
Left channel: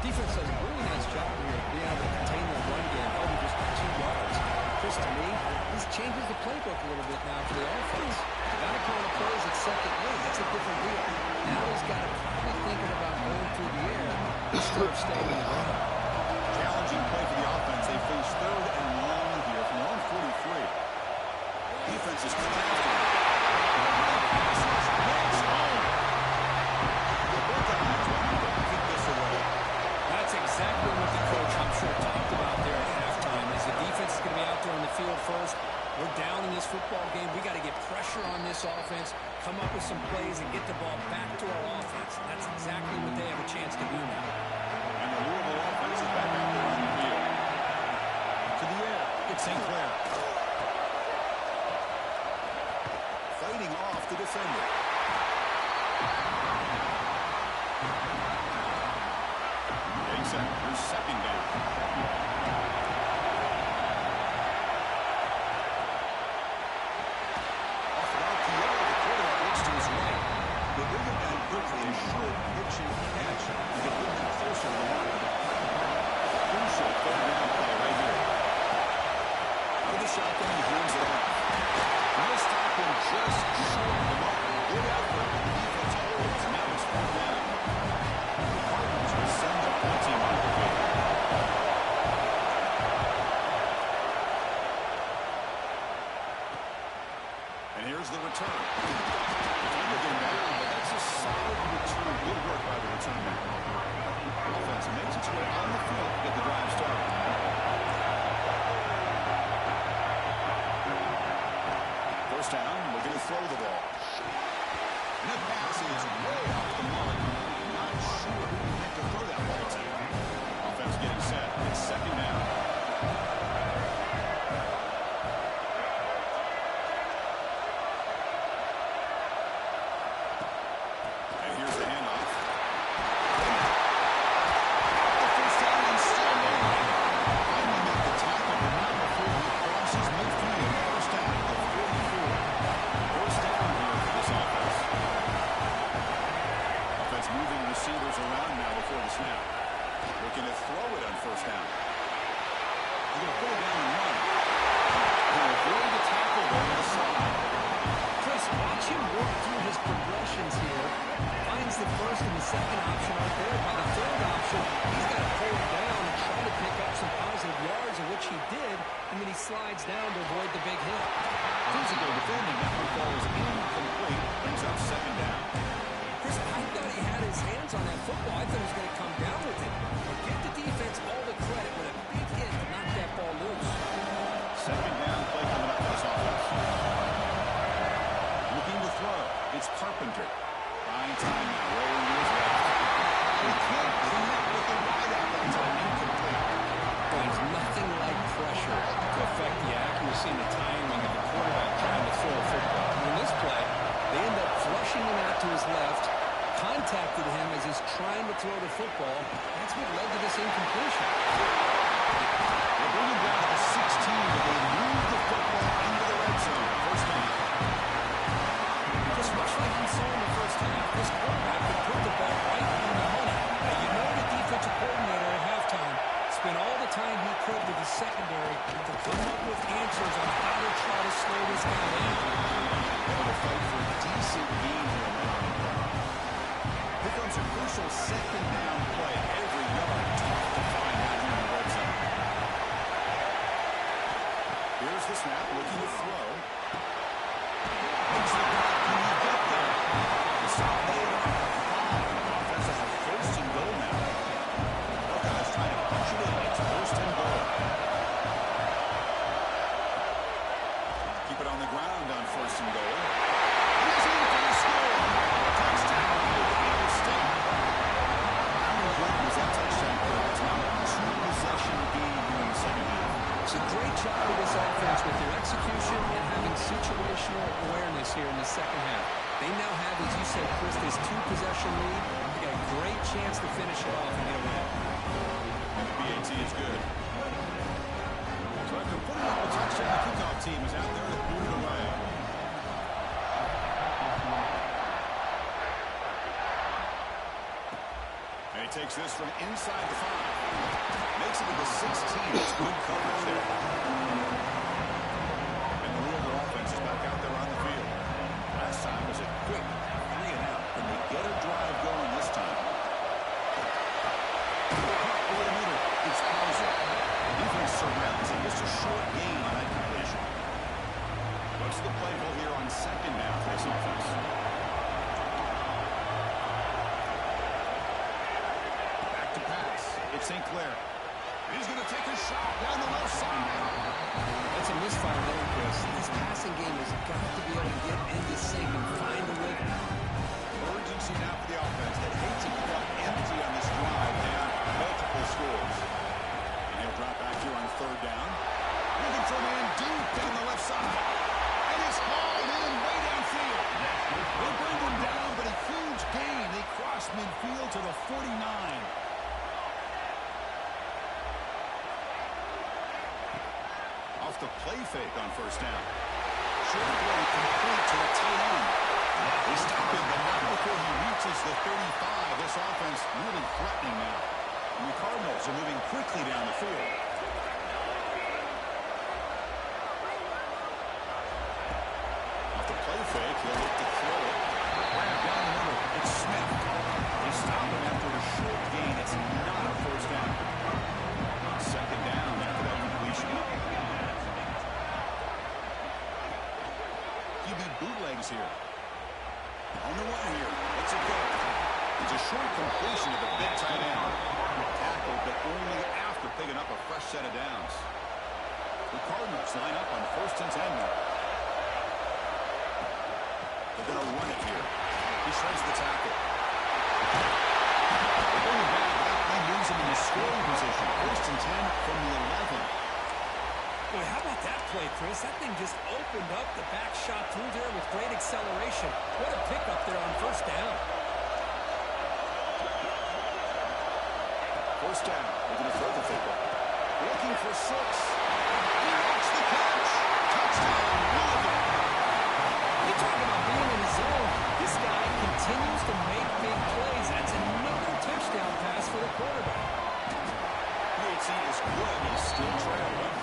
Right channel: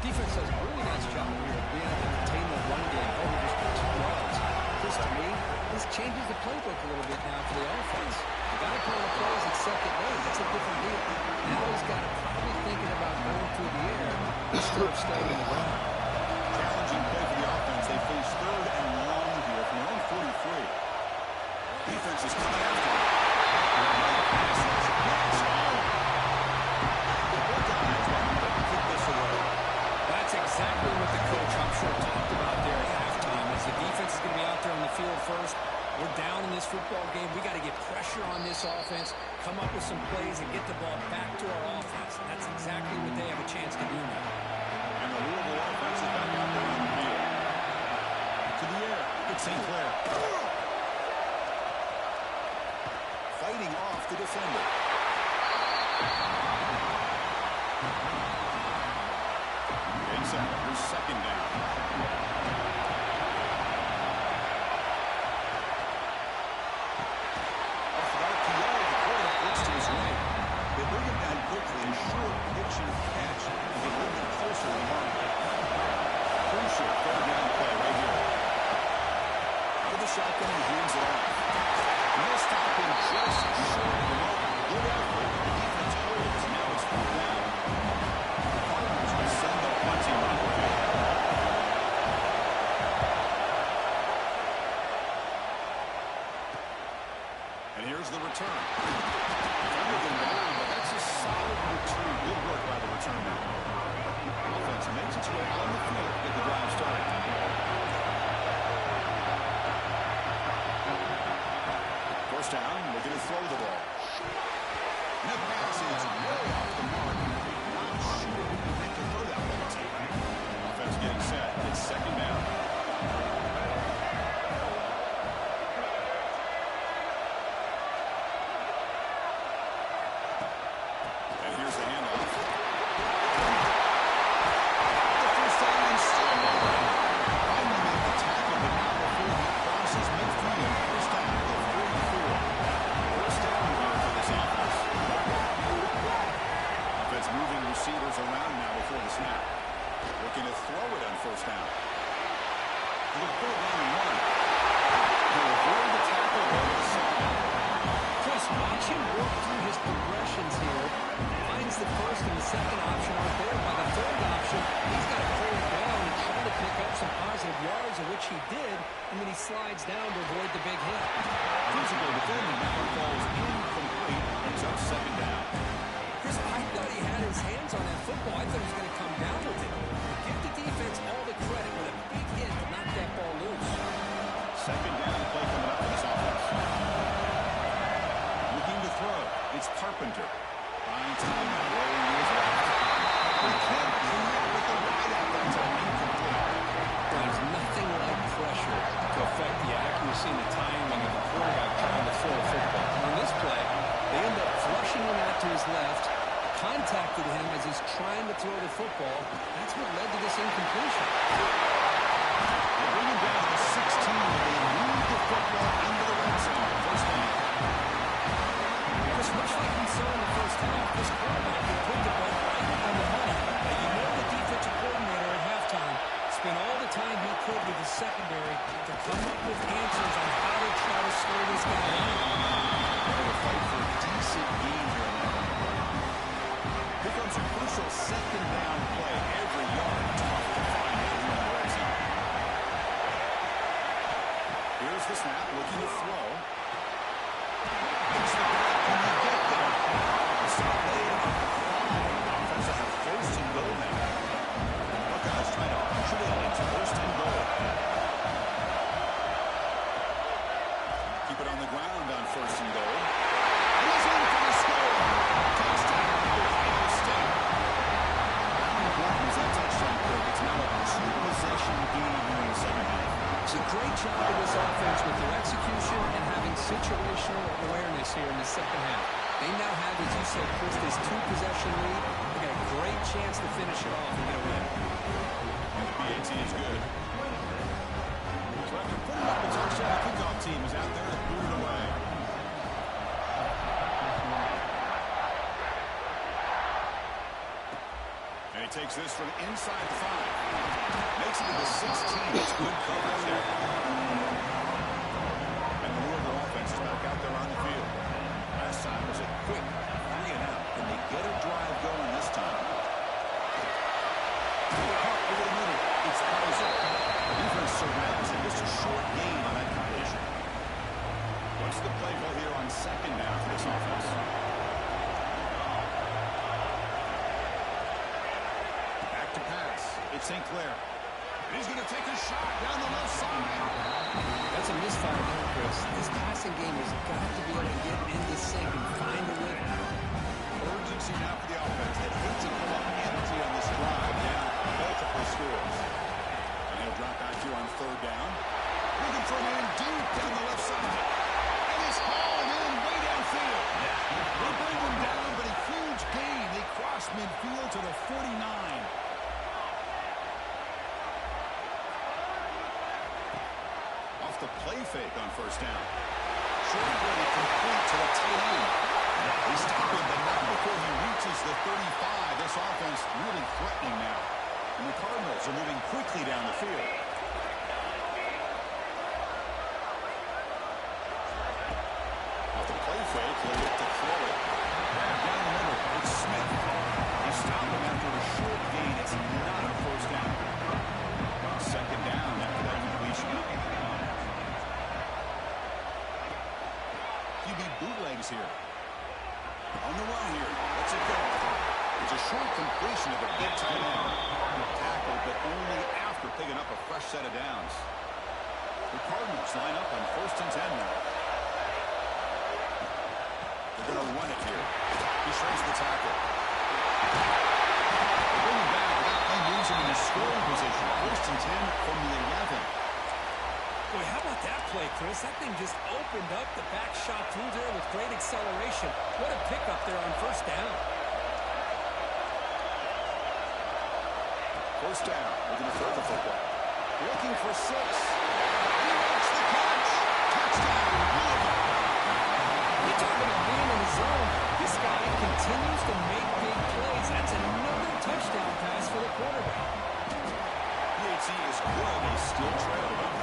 Defense does a really nice job here of being able to contain the run game, held it just 2 yards. Chris, to me, this changes the playbook a little bit now for the offense. The guy calling the plays at 2nd and 8, that's a different deal. Now he's got to probably thinking about going through the air instead of staying in the ground. Challenging play for the offense. They face 3rd and long here from their own 43. Defense is coming after them. Pass rush hits home. The Buckeyes will have to kick this away. That's exactly what the coach, I'm sure, talked about there at halftime. As the defense is going to be out there on the field first, we're down in this football game. We got to get pressure on this offense, come up with some plays, and get the ball back to our offense. And that's exactly what they have a chance to do now. And the Louisville offense is back out there on the field. To the air. It's St. Clair. Fighting off the defender. Getting set. Here's 2nd down. Off of RPO, the quarterback looks to his right. They bring him down quickly. A short pitch and catch to get a little bit closer to the marker. Crucial 3rd down play right here. Out of the shotgun, he hands it off. He'll stop him just short of the marker. Good effort. The defense holds. Now it's 4th down. The Cardinals will send their punt team on the field. And here's the return. Defender getting down, but that's a solid return. Good work by the return man. Offense makes its way on the field to get the drive started. First down, we're going to throw the ball. And that pass is way off the mark. Not sure who you meant to throw that ball to. Offense getting set. It's 2nd down. And here's the handoff. The first down and still moving. Finally make the tackle, but not before he crosses midfield. First down to the 44. First down here for this offense. Offense moving receivers around now before the snap. Looking to throw it on 1st down. He's going to put it down in 1. He'll avoid the tackle though with a slide. Chris, watch him work through his progressions here. Finds the 1st and the 2nd option aren't there. By the 3rd option, he's got to pull it down and try to pick up some positive yards, of which he did, and then he slides down to avoid the big hit. Physical defending. That one falls incomplete. Brings up 2nd down. Chris, I thought he had his hands on that football. I thought he was going to come down with it. But give the defense all the credit with a big hit to knock that ball loose. 2nd down play coming up for this offense. Looking to throw. It's Carpenter. Buying time now. Rolling to his left. He can't connect with the wideout. That's an incomplete. There's nothing like pressure to affect the accuracy and the timing of the quarterback trying to throw a football. In this play, they end up flushing him out to his left, contacted him as he's trying to throw the football. That's what led to this incompletion. They bring him down to the 16, but they move the football into the red zone. First down. Chris, much like we saw in the first half, this quarterback could put the ball right on the money. Now, you know the defensive coordinator at halftime spent all the time he could with the secondary to come up with answers on how to try to slow this guy down. Able to fight for a decent gain here in that running play. Here comes a crucial 2nd down play. Every yard tough to find out here in the red zone. Here's the snap, looking to throw. Makes the cut. Can he get there? The stop made on the 5. The offense will have first and goal now. Buckeyes trying to punch it in. It's first and goal. Keep it on the ground on first and goal. And he's in for the score. Touchdown, Ohio State. How important was that touchdown, Kirk? It's now a 2-possession game here in the second half. It's a great job of this offense with their execution and having situational awareness here in the second half. They now have, as you said, Chris, this 2-possession lead. They got a great chance to finish it off and get a win. And the BAT is good. So after putting up a touchdown, the kickoff team is out there to boot it away. And he takes this from inside the 5. Makes it to the 16. It's good coverage there. And the Louisville offense is back out there on the field. Last time was a quick 3-and-out. Can they get a drive going this time? Caught over the middle. It's Hauser. The defense surrounds him. Just a short gain on that completion. What's the play call here on second down for this offense? Back to pass. It's St. Clair. He's going to take a shot down the left side. That's a misfire there, Chris. This passing game has got to be able to get into sync and find a rhythm. Urgency now for the offense that hates to come up empty on this drive down multiple scores. And he'll drop back here on third down. Looking for a man deep down the left side. And it's hauled in way downfield. They bring him down, but a huge gain. They cross midfield to the 49. Off the play fake on first down. Short play complete to the tight end. They stop him, but not before he reaches the 35. This offense really threatening now. And the Cardinals are moving quickly down the field. Off the play fake, he'll look to throw it. Grab down the middle. It's Smith. They stop him after a short gain. It's not a first down. Second down after that completion. QB bootlegs here. On the one here. Let's it go. It's a short completion to the big tight end. Tackled, but only after picking up a fresh set of downs. The Cardinals line up on first and 10 now. They're going to run it here. He shrinks the tackle. They're going back, but that play moves him in the scoring position. First and 10 from the 11. Boy, how about that play, Chris? That thing just opened up the back shot through there with great acceleration. What a pickup there on first down. First down. We're going to throw the football. Looking for 6. And he makes the catch. Touchdown, Louisville. You talk about being in the zone. This guy continues to make big plays. That's another touchdown pass for the quarterback. PAT is good. They still trail them.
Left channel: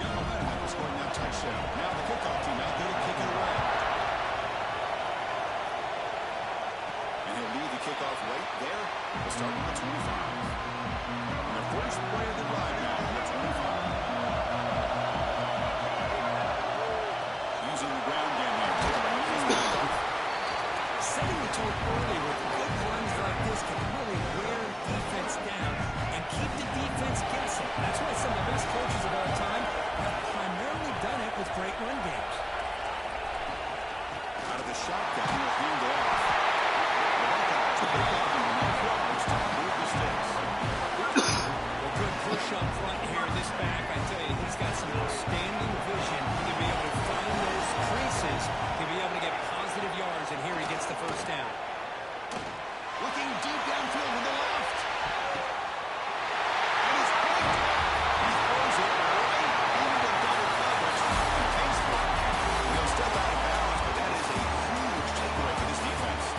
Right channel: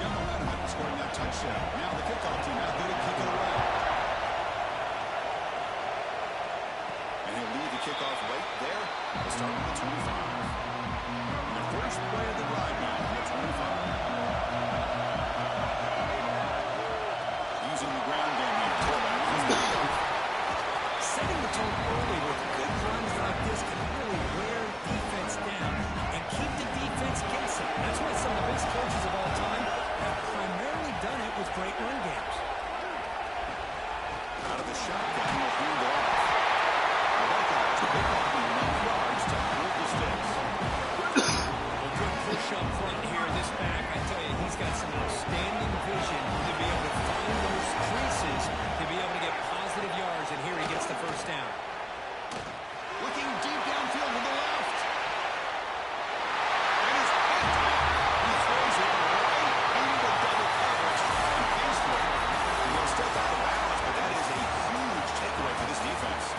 Got momentum after scoring that touchdown. Now the kickoff team out there to kick it away. And he'll lead the kickoff right there. We'll start on the 25. And the first play of the drive now on the 25. Using the ground game here. Tailback. Setting the tone early with good runs like this can really wear defense down and keep the defense guessing. That's why some of the best coaches of all time have primarily done it with great run games. Out of the shotgun, he'll hand it off. The Buckeyes pick up enough yards to move the sticks. Well, good push up front here. This back, I tell you, he's got some outstanding vision to be able to find those creases, to be able to get positive yards, and here he gets the first down. Looking deep downfield to the left. And he's picked up. He throws it right into double coverage and pays for it. He'll step out of bounds, but that is a huge takeaway for this defense.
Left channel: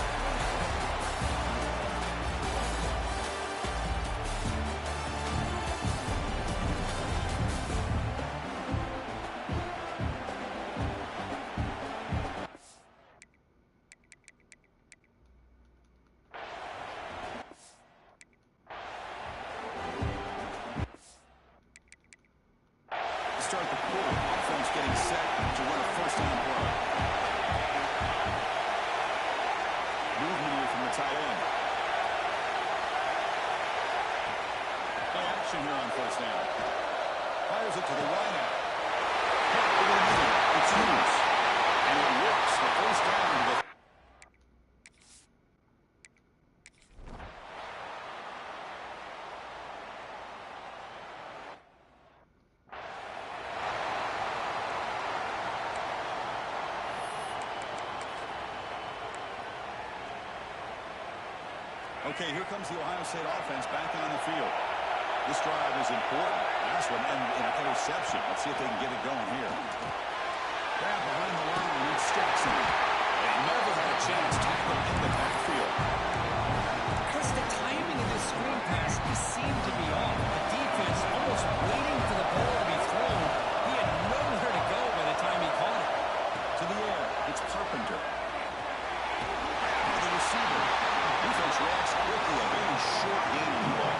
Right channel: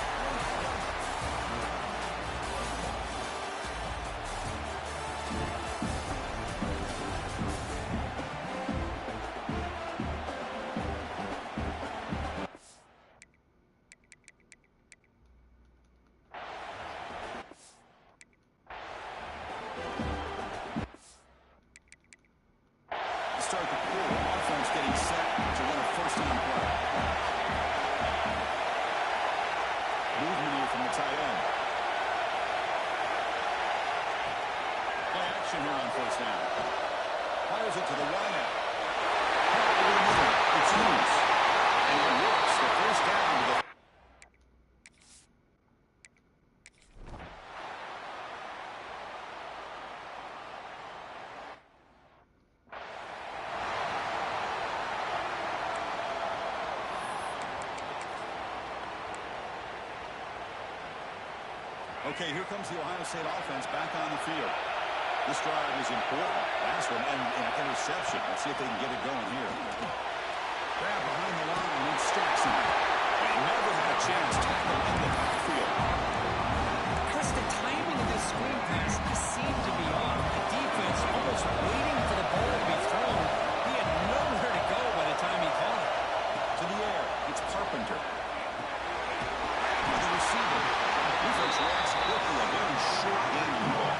start the quarter. Offense getting set to run a first down play. Movement here from the tight end. Play action here on first down. Fires it to the wide out. It's loose. And it works. The first down to the... Okay, here comes the Ohio State offense back on the field. This drive is important. Last one, and an interception. Let's see if they can get it going here. Grab behind the line. It's Jackson. They never had a chance. Tackle in the backfield. Chris, the timing of this screen pass just seemed to be off. The defense almost waiting for the ball to be thrown. He had nowhere to go by the time he caught it. To the air. It's Carpenter. Grab by the receiver. Defense reacts quickly. A very short game of the ball.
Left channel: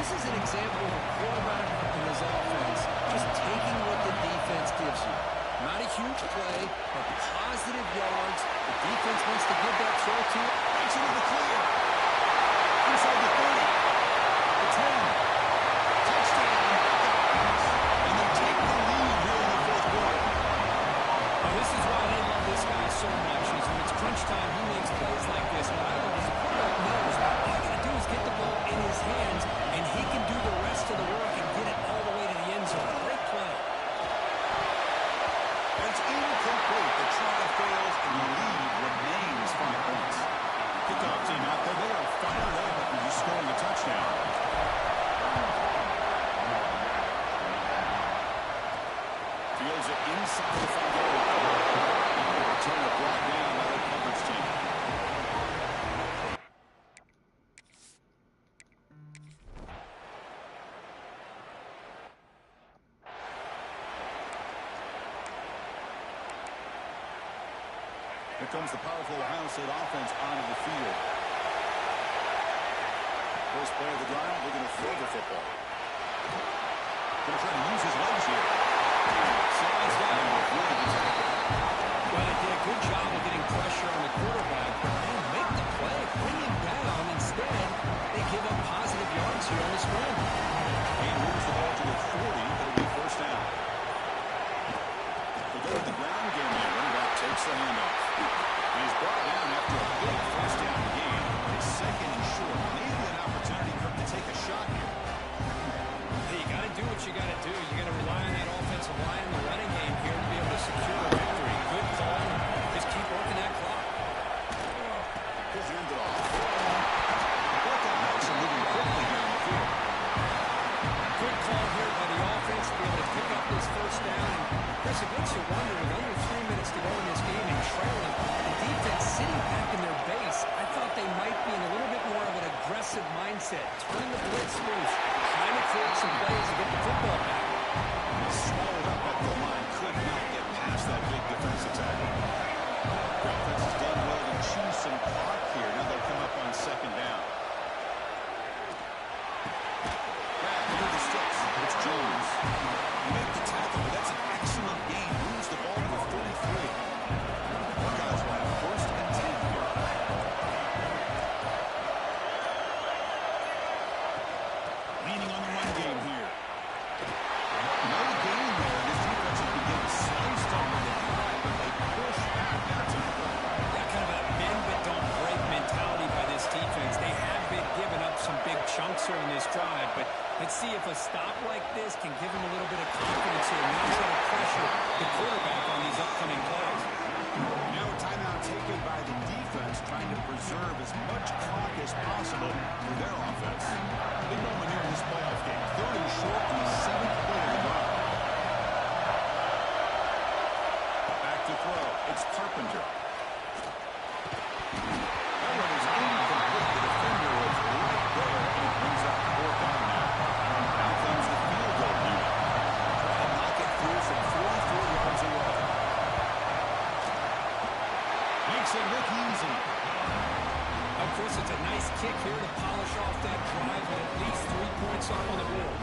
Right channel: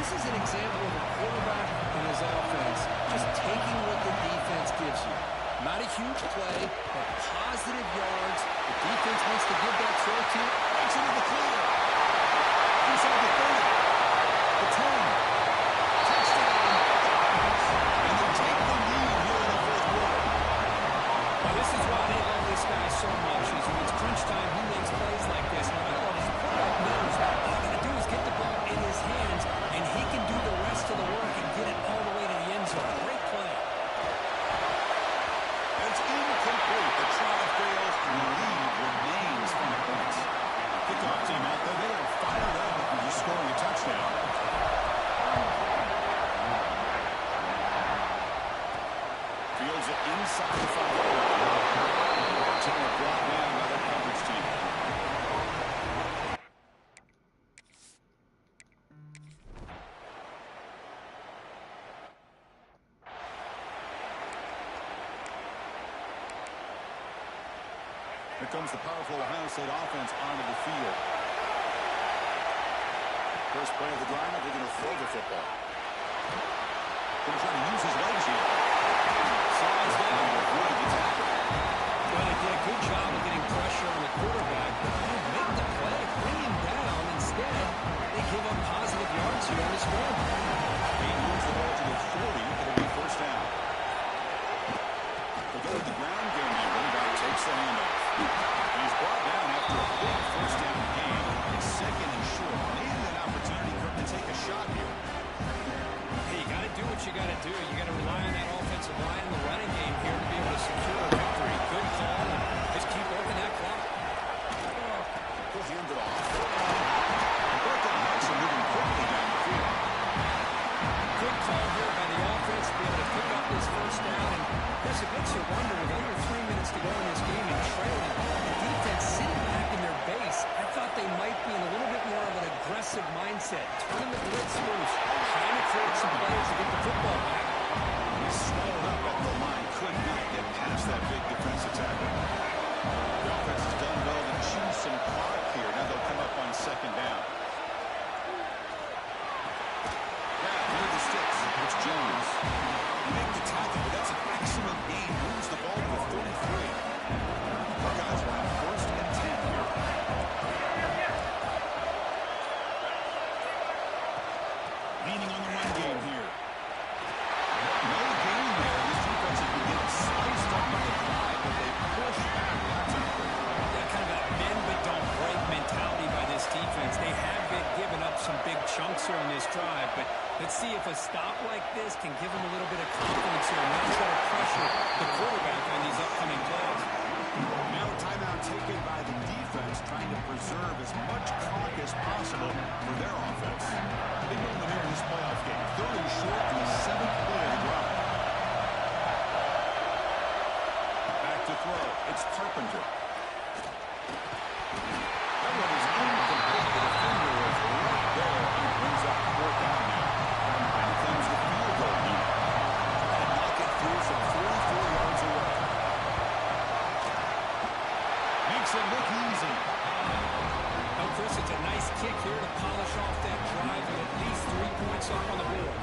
This is an example of a quarterback in his offense just taking what the defense gives you. Not a huge play, but positive yards. The defense wants to give that throw to you. Breaks into the clear. Inside the 30. The 10. Touchdown. And they take the lead here in the fourth quarter. Well, this is why they love this guy so much, is when it's crunch time, he makes plays like this. What I love is the quarterback knows all you got to do is get the ball in his hands, and he can do the rest of the work and get it all the way to the end zone. Great play. It's incomplete. The try fails, and the lead remains 5 points. Kickoff team out there. They are fired up after just scoring a touchdown. Fields it inside the 5-yard line. Turner brought down by their coverage team. Here comes the powerful Ohio State offense onto the field. First play of the drive, they're going to throw the football. Going to try to use his legs here. Slides down with really good tackle. Well, they did a good job of getting pressure on the quarterback, but they make the play, bring him down. Instead, they give up positive yards here on the scramble. He moves the ball to the 40. It'll be first down. They go to the ground game now. Running back takes the handoff. He's brought down after a big first down gain. It's second and short. Maybe an opportunity for him to take a shot here. Hey, you got to do what you got to do. You got to rely on that offensive line in the running game here to be able to secure a victory. Good call. Just keep working that clock. He'll hand it off. Buckeyes are moving quickly down the field. Good call here by the offense to be able to pick up this first down. And Chris, it makes you wonder, with under 3 minutes to go in this game and trailing, the defense sitting back in their base, I thought they might be in a little bit more of an aggressive mindset, turning the blitz loose, trying to create some plays to get the football back. Swallowed up at the line, could not get past that big defensive tackle. The offense has done well to choose some clock here. Now they'll come up on second down. Grab near the sticks. It's Jones. They make the tackle, but that's an excellent gain. Moves the ball to the 33. Buckeyes will have first and 10 here. Leaning on the run game here. No gain there. This defense has been getting sliced up on the drive, but they push back that time. Yeah, kind of a bend but don't break mentality by this defense. They have been giving up some big chunks here on this drive, but let's see if a stop like this can give them a little bit of confidence here. Now try to pressure the quarterback on these upcoming plays. Now a timeout taken by the defense, trying to preserve as much clock as possible for their offense. Big moment here in this playoff game. Third and short in the 7th play of the drive. Back to throw. It's Carpenter. That one is incomplete. The defender was right there, and it brings up fourth down now. Now comes the field goal unit. Try to knock it through from 44 yards away. Makes it look easy. Oh, Chris, it's a nice kick here to polish off that drive with at least 3 points up on the board.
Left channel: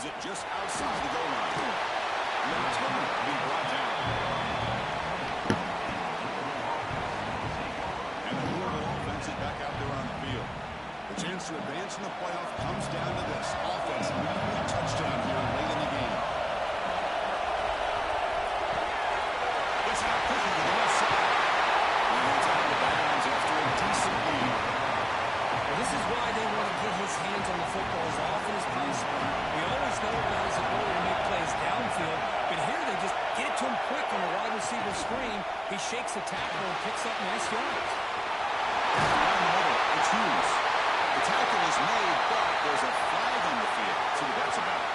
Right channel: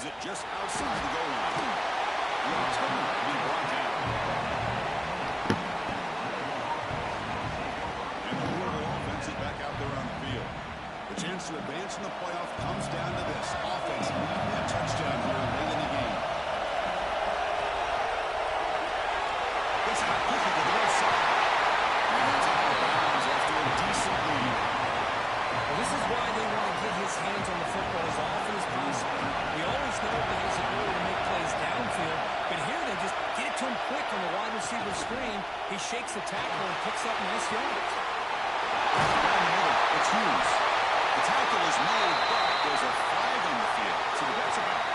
fields it just outside the goal line. The return being brought down. And the Louisville offense is back out there on the field. The chance to advance in the playoff comes down to this. Offense needing a touchdown here late in the game. It's out quickly to the left side. And it's out of bounds after a decent lead. Well, this is why they want to get his hands on the football as often as possible. We always know about his ability to make plays downfield, but here they just get it to him quick on the wide receiver screen. He shakes the tackle and picks up nice yards. Down the middle, it's Hughes. The tackle is made, but there's a flag on the field. See what that's about.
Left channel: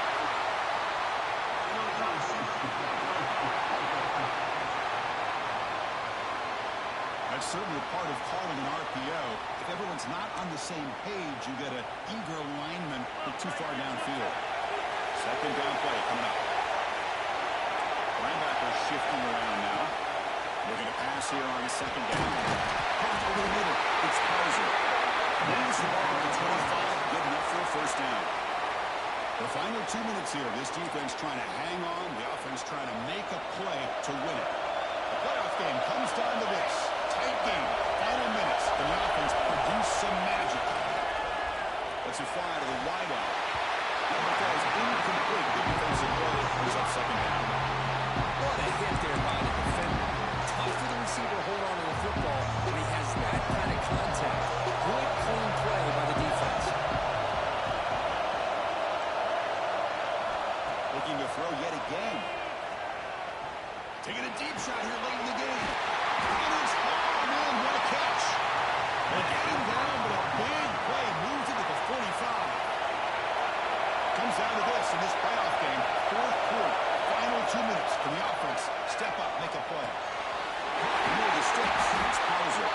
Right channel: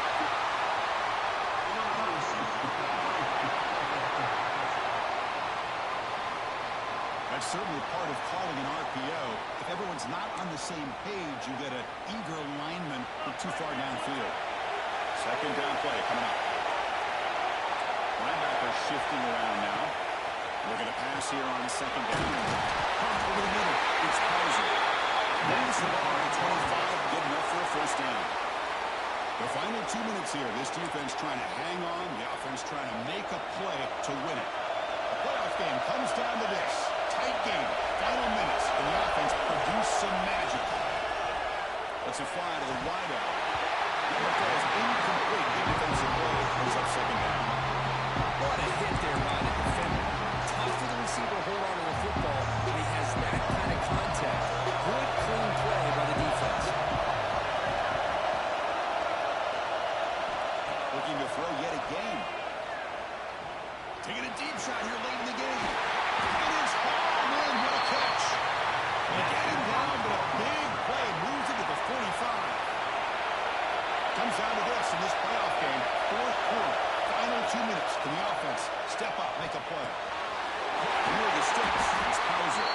That's certainly part of calling an RPO. If everyone's not on the same page, you get an eager lineman too far downfield. Second down play coming up. Linebacker shifting around now. We're going to pass here on second down. Punt over the middle. It's Pauser. Moves the ball to 25. Good enough for a first down. The final 2 minutes here. This defense trying to hang on. The offense trying to make a play to win it. The playoff game comes down to this. Tight game. Final minutes. Can the offense produce some magic? Let's it fly to the wideout. Number 4 is incomplete. Good defensive play. Brings up second down. What a hit there by the defender. Tough for the receiver to hold on to the football when he has that kind of contact. Good, clean play by the defense. Looking to throw yet again. Taking a deep shot here late in the game. It is Hall, man, what a catch. They get him down, but a big play moves into the 45. Comes down to this in this playoff game. Fourth quarter, final 2 minutes. Can the offense step up, make a play? Near the sticks, it's Pauser.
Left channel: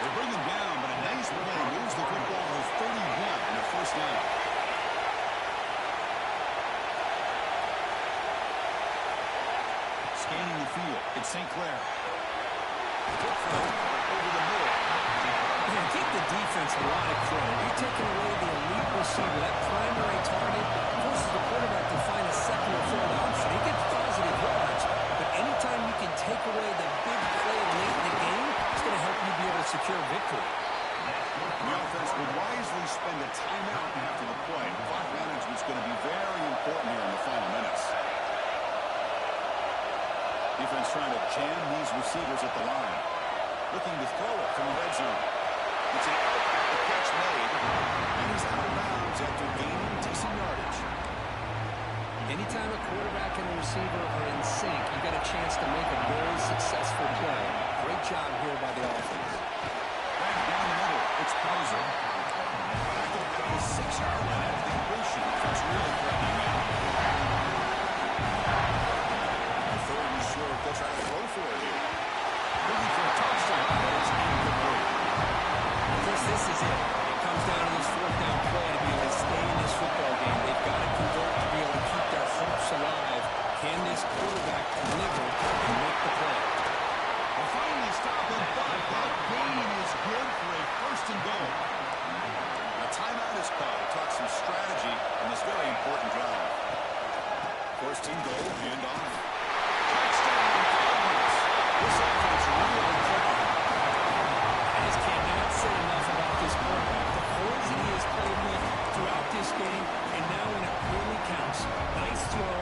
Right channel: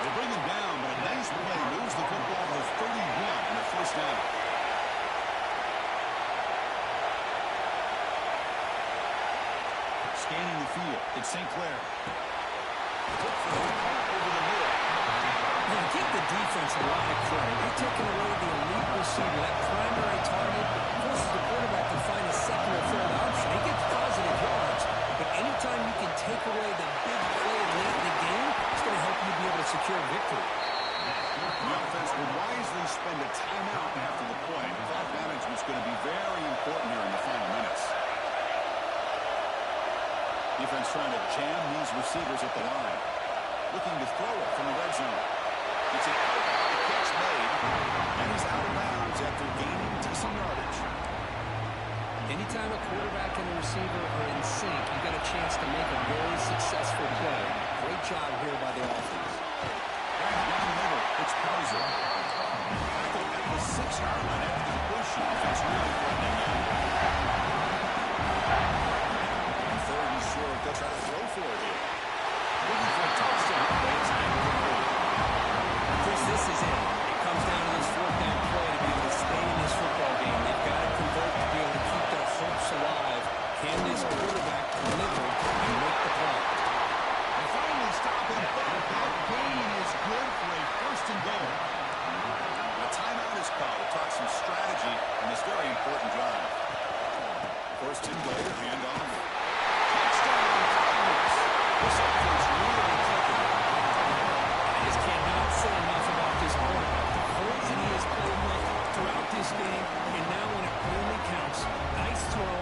They bring him down, but a nice play moves the football to 31 and a first down. Scanning the field, it's St. Clair. Look for over the middle. Man, give the defense a lot of credit. You're taking away the elite receiver, that primary target, forces the quarterback to find a second or third option. He gets positive yards, but anytime you can take away the big play late in the game, it's going to help you be able to secure victory. The offense will wisely spend a timeout after the play. Clock management's going to be very important here in the final minutes. Defense trying to jam these receivers at the line. Looking to throw it from the red zone. It's an out, the catch made, and he's out of bounds after gaining decent yardage. Anytime a quarterback and a receiver are in sync, you got a chance to make a very successful play. Great job here by the offense. Back down the middle, it's Pauser. Tackle at the 6-yard line after the completion. Offense really threatening now. Third and short, they'll try to throw for it here. Looking for a touchdown, but it's incomplete. Chris, this is it. It comes down to this fourth down play to be able to stay in this football game. They've got to convert to be able to keep their hopes alive. Can this quarterback deliver and make the play? They finally stop him, but that gain is good for a first and goal. A timeout is called to talk some strategy in this very important drive. First and goal, handoff. Touchdown, Cardinals. This offense really clicking. I just cannot say enough about this quarterback. The poison he has played with throughout this game, and now when it really counts. Nice throw,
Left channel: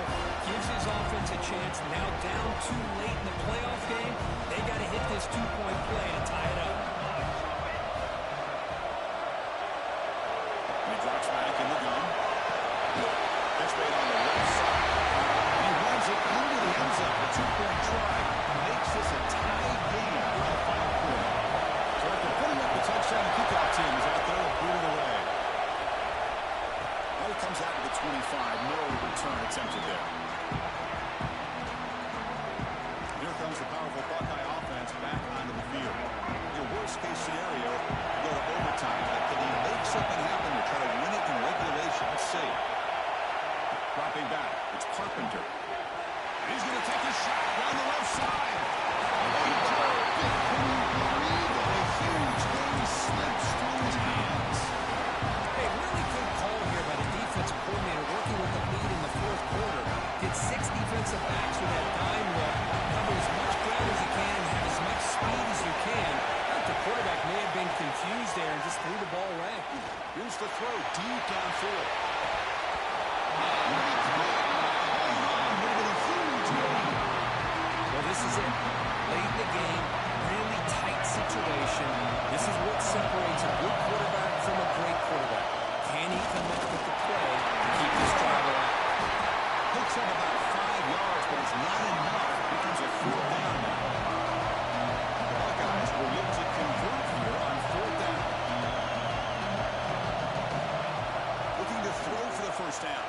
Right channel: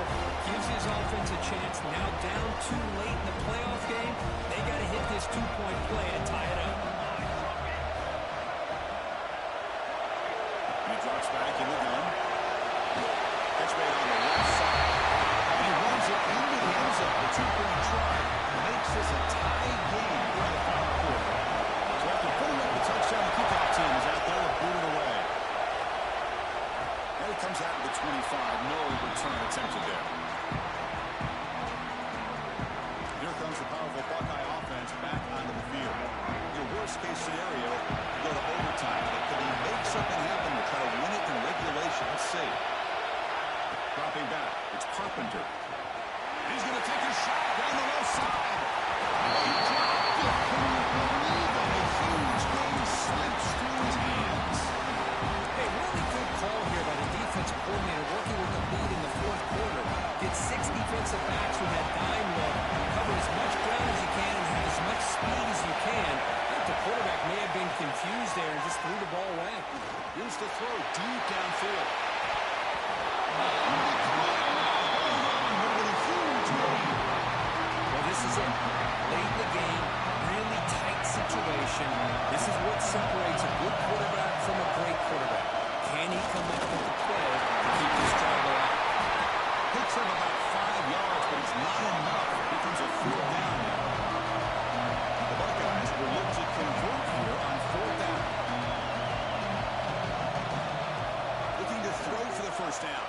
gives his offense a chance. Now down too late in the playoff game, they got to hit this two-point play to tie it up. And he drops back in the gun. Catch made on the left side. And he runs it into the end zone. The two-point try makes this a tie game in the final quarter. So after putting up the touchdown, the kickoff team is out there to boot it away. And it comes out to the 25. No return attempted there. Here comes the powerful Buckeye offense back onto the field. Your worst-case scenario, you go to overtime. But can he make something happen to try to win it in regulation? Let's see. Dropping back, it's Carpenter. And he's going to take a shot down the left side. He dropped it. Can you believe it? A huge thing slips through his hands. Hey, really good call here by the defensive coordinator working with the can. I think the quarterback may have been confused there and just threw the ball away. Here's the throw deep downfield. Well, this is it. Late in the game, really tight situation. This is what separates a good quarterback from a great quarterback. Can he come up with the play to keep this drive alive? Picks up about 5 yards, but it's not enough. It becomes a 4th down now. The Buckeyes will look to convert here on 4th down. Looking to throw for the 1st down.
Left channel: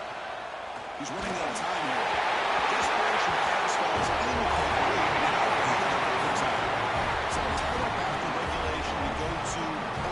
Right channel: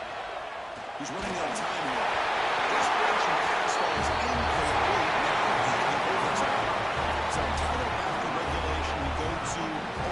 He's running out of time here. Desperation pass falls incomplete. Now into overtime. So tied up after regulation, we go to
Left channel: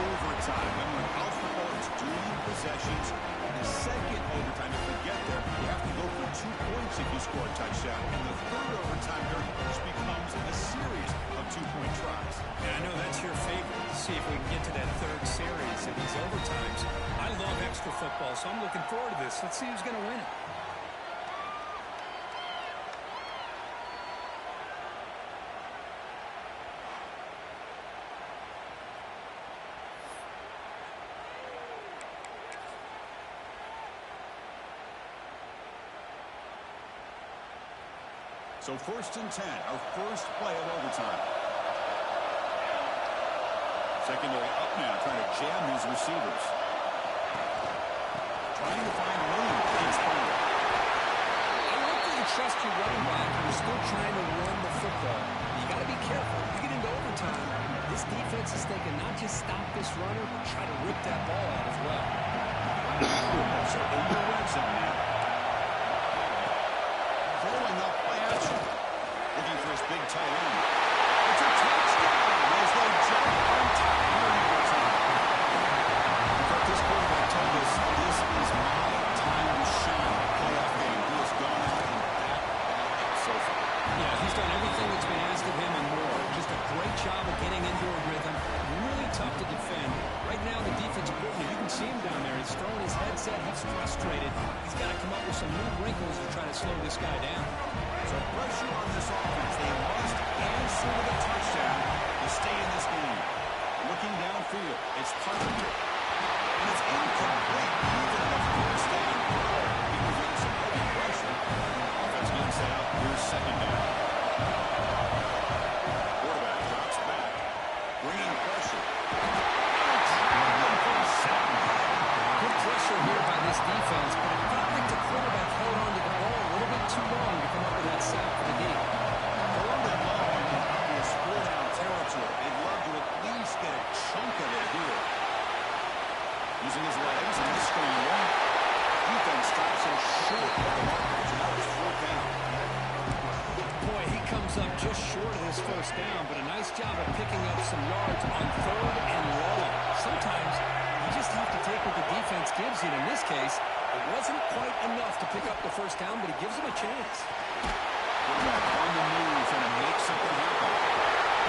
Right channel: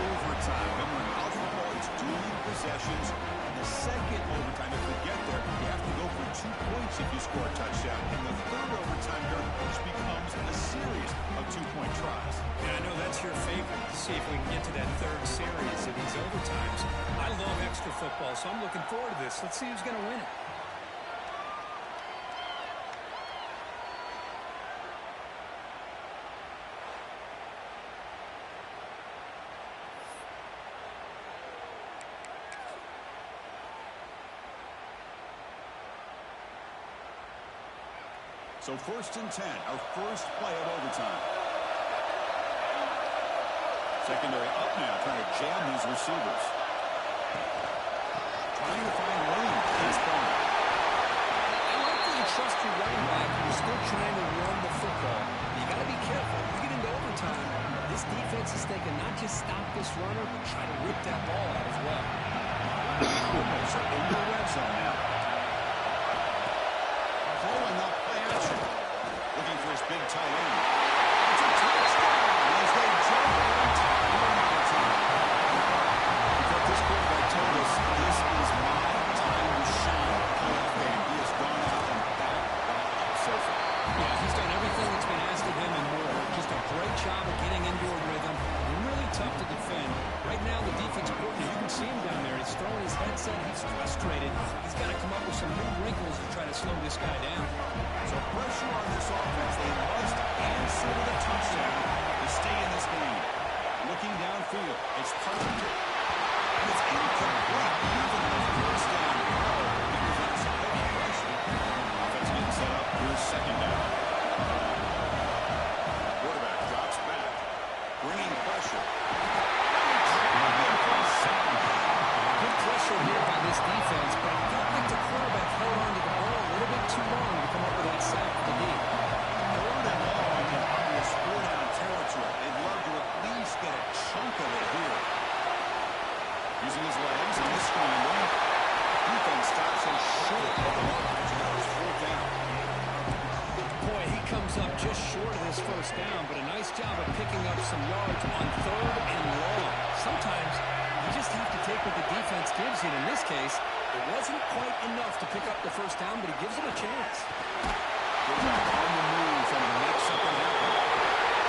overtime. Remember, in college football, it's dueling possessions. In the second overtime, if we get there, you have to go for 2 points if you score a touchdown. And the third overtime here just becomes a series of 2-point tries. And I know that's your favorite, to see if we can get to that third series of these overtimes. I love extra football, so I'm looking forward to this. Let's see who's going to win it. So 1st and 10, our first play of overtime. Secondary up now, trying to jam these receivers. Trying to find room in his corner. I like that you trust your running back. You're still trying to run the football. You got to be careful. You get into overtime, this defense is thinking not just stop this runner, but try to rip that ball out as well. So in the red zone now. Throwing up play action. Looking for his big tight end. It's a touchdown as they jump on top here in overtime. In fact, this quarterback told us this is my time to shine playoff game. He has gone out and backed that up so far. Yeah, he's done everything that's been asked of him and more. Just a great job of getting into a rhythm. Really tough to defend. Right now, the defensive coordinator, you can see him down there. He's throwing his headset. He's frustrated. He's got to come up with some new wrinkles to try to slow this guy down. So pressure on this offense. They must answer with a touchdown to stay in this game. Looking downfield, it's Carpenter. And it's incomplete. Even on the 1st down throw, he was under some heavy pressure. Offense getting set up. Here's 2nd down. Quarterback drops back, bringing pressure. Good pressure here by this defense, but it felt like the quarterback held on to the ball a little bit too long to come up with that sack for the D. 3rd and long in obvious 4-down territory. They'd love to at least get a chunk of it here. Using his legs on the scramble. Defense stops him short of the marker. So now it's 4th down. Boy, he comes up just short of this 1st down, but a nice job of picking up some yards on 3rd and long. Sometimes you just have to take what the defense gives you. And in this case, it wasn't quite enough to pick up the 1st down, but it gives him a chance. Quarterback on the move, trying to make something happen.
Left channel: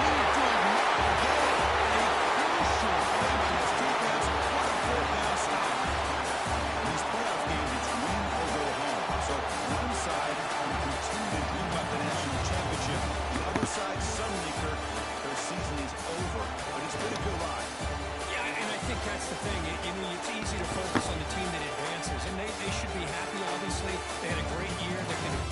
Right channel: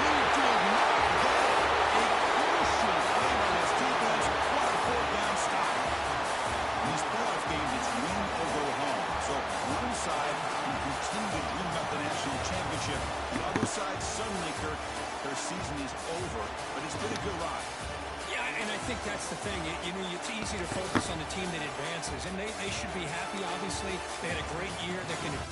He did not get it. A crucial play by this defense. What a 4th down stop. In these playoff games, it's win or go home. So one side can continue to dream about the national championship. The other side, suddenly, Kirk, their season is over. But it's been a good ride. Yeah, and I think that's the thing. You know, it's easy to focus on the team that advances, and they should be happy, obviously. They had a great year. They're going to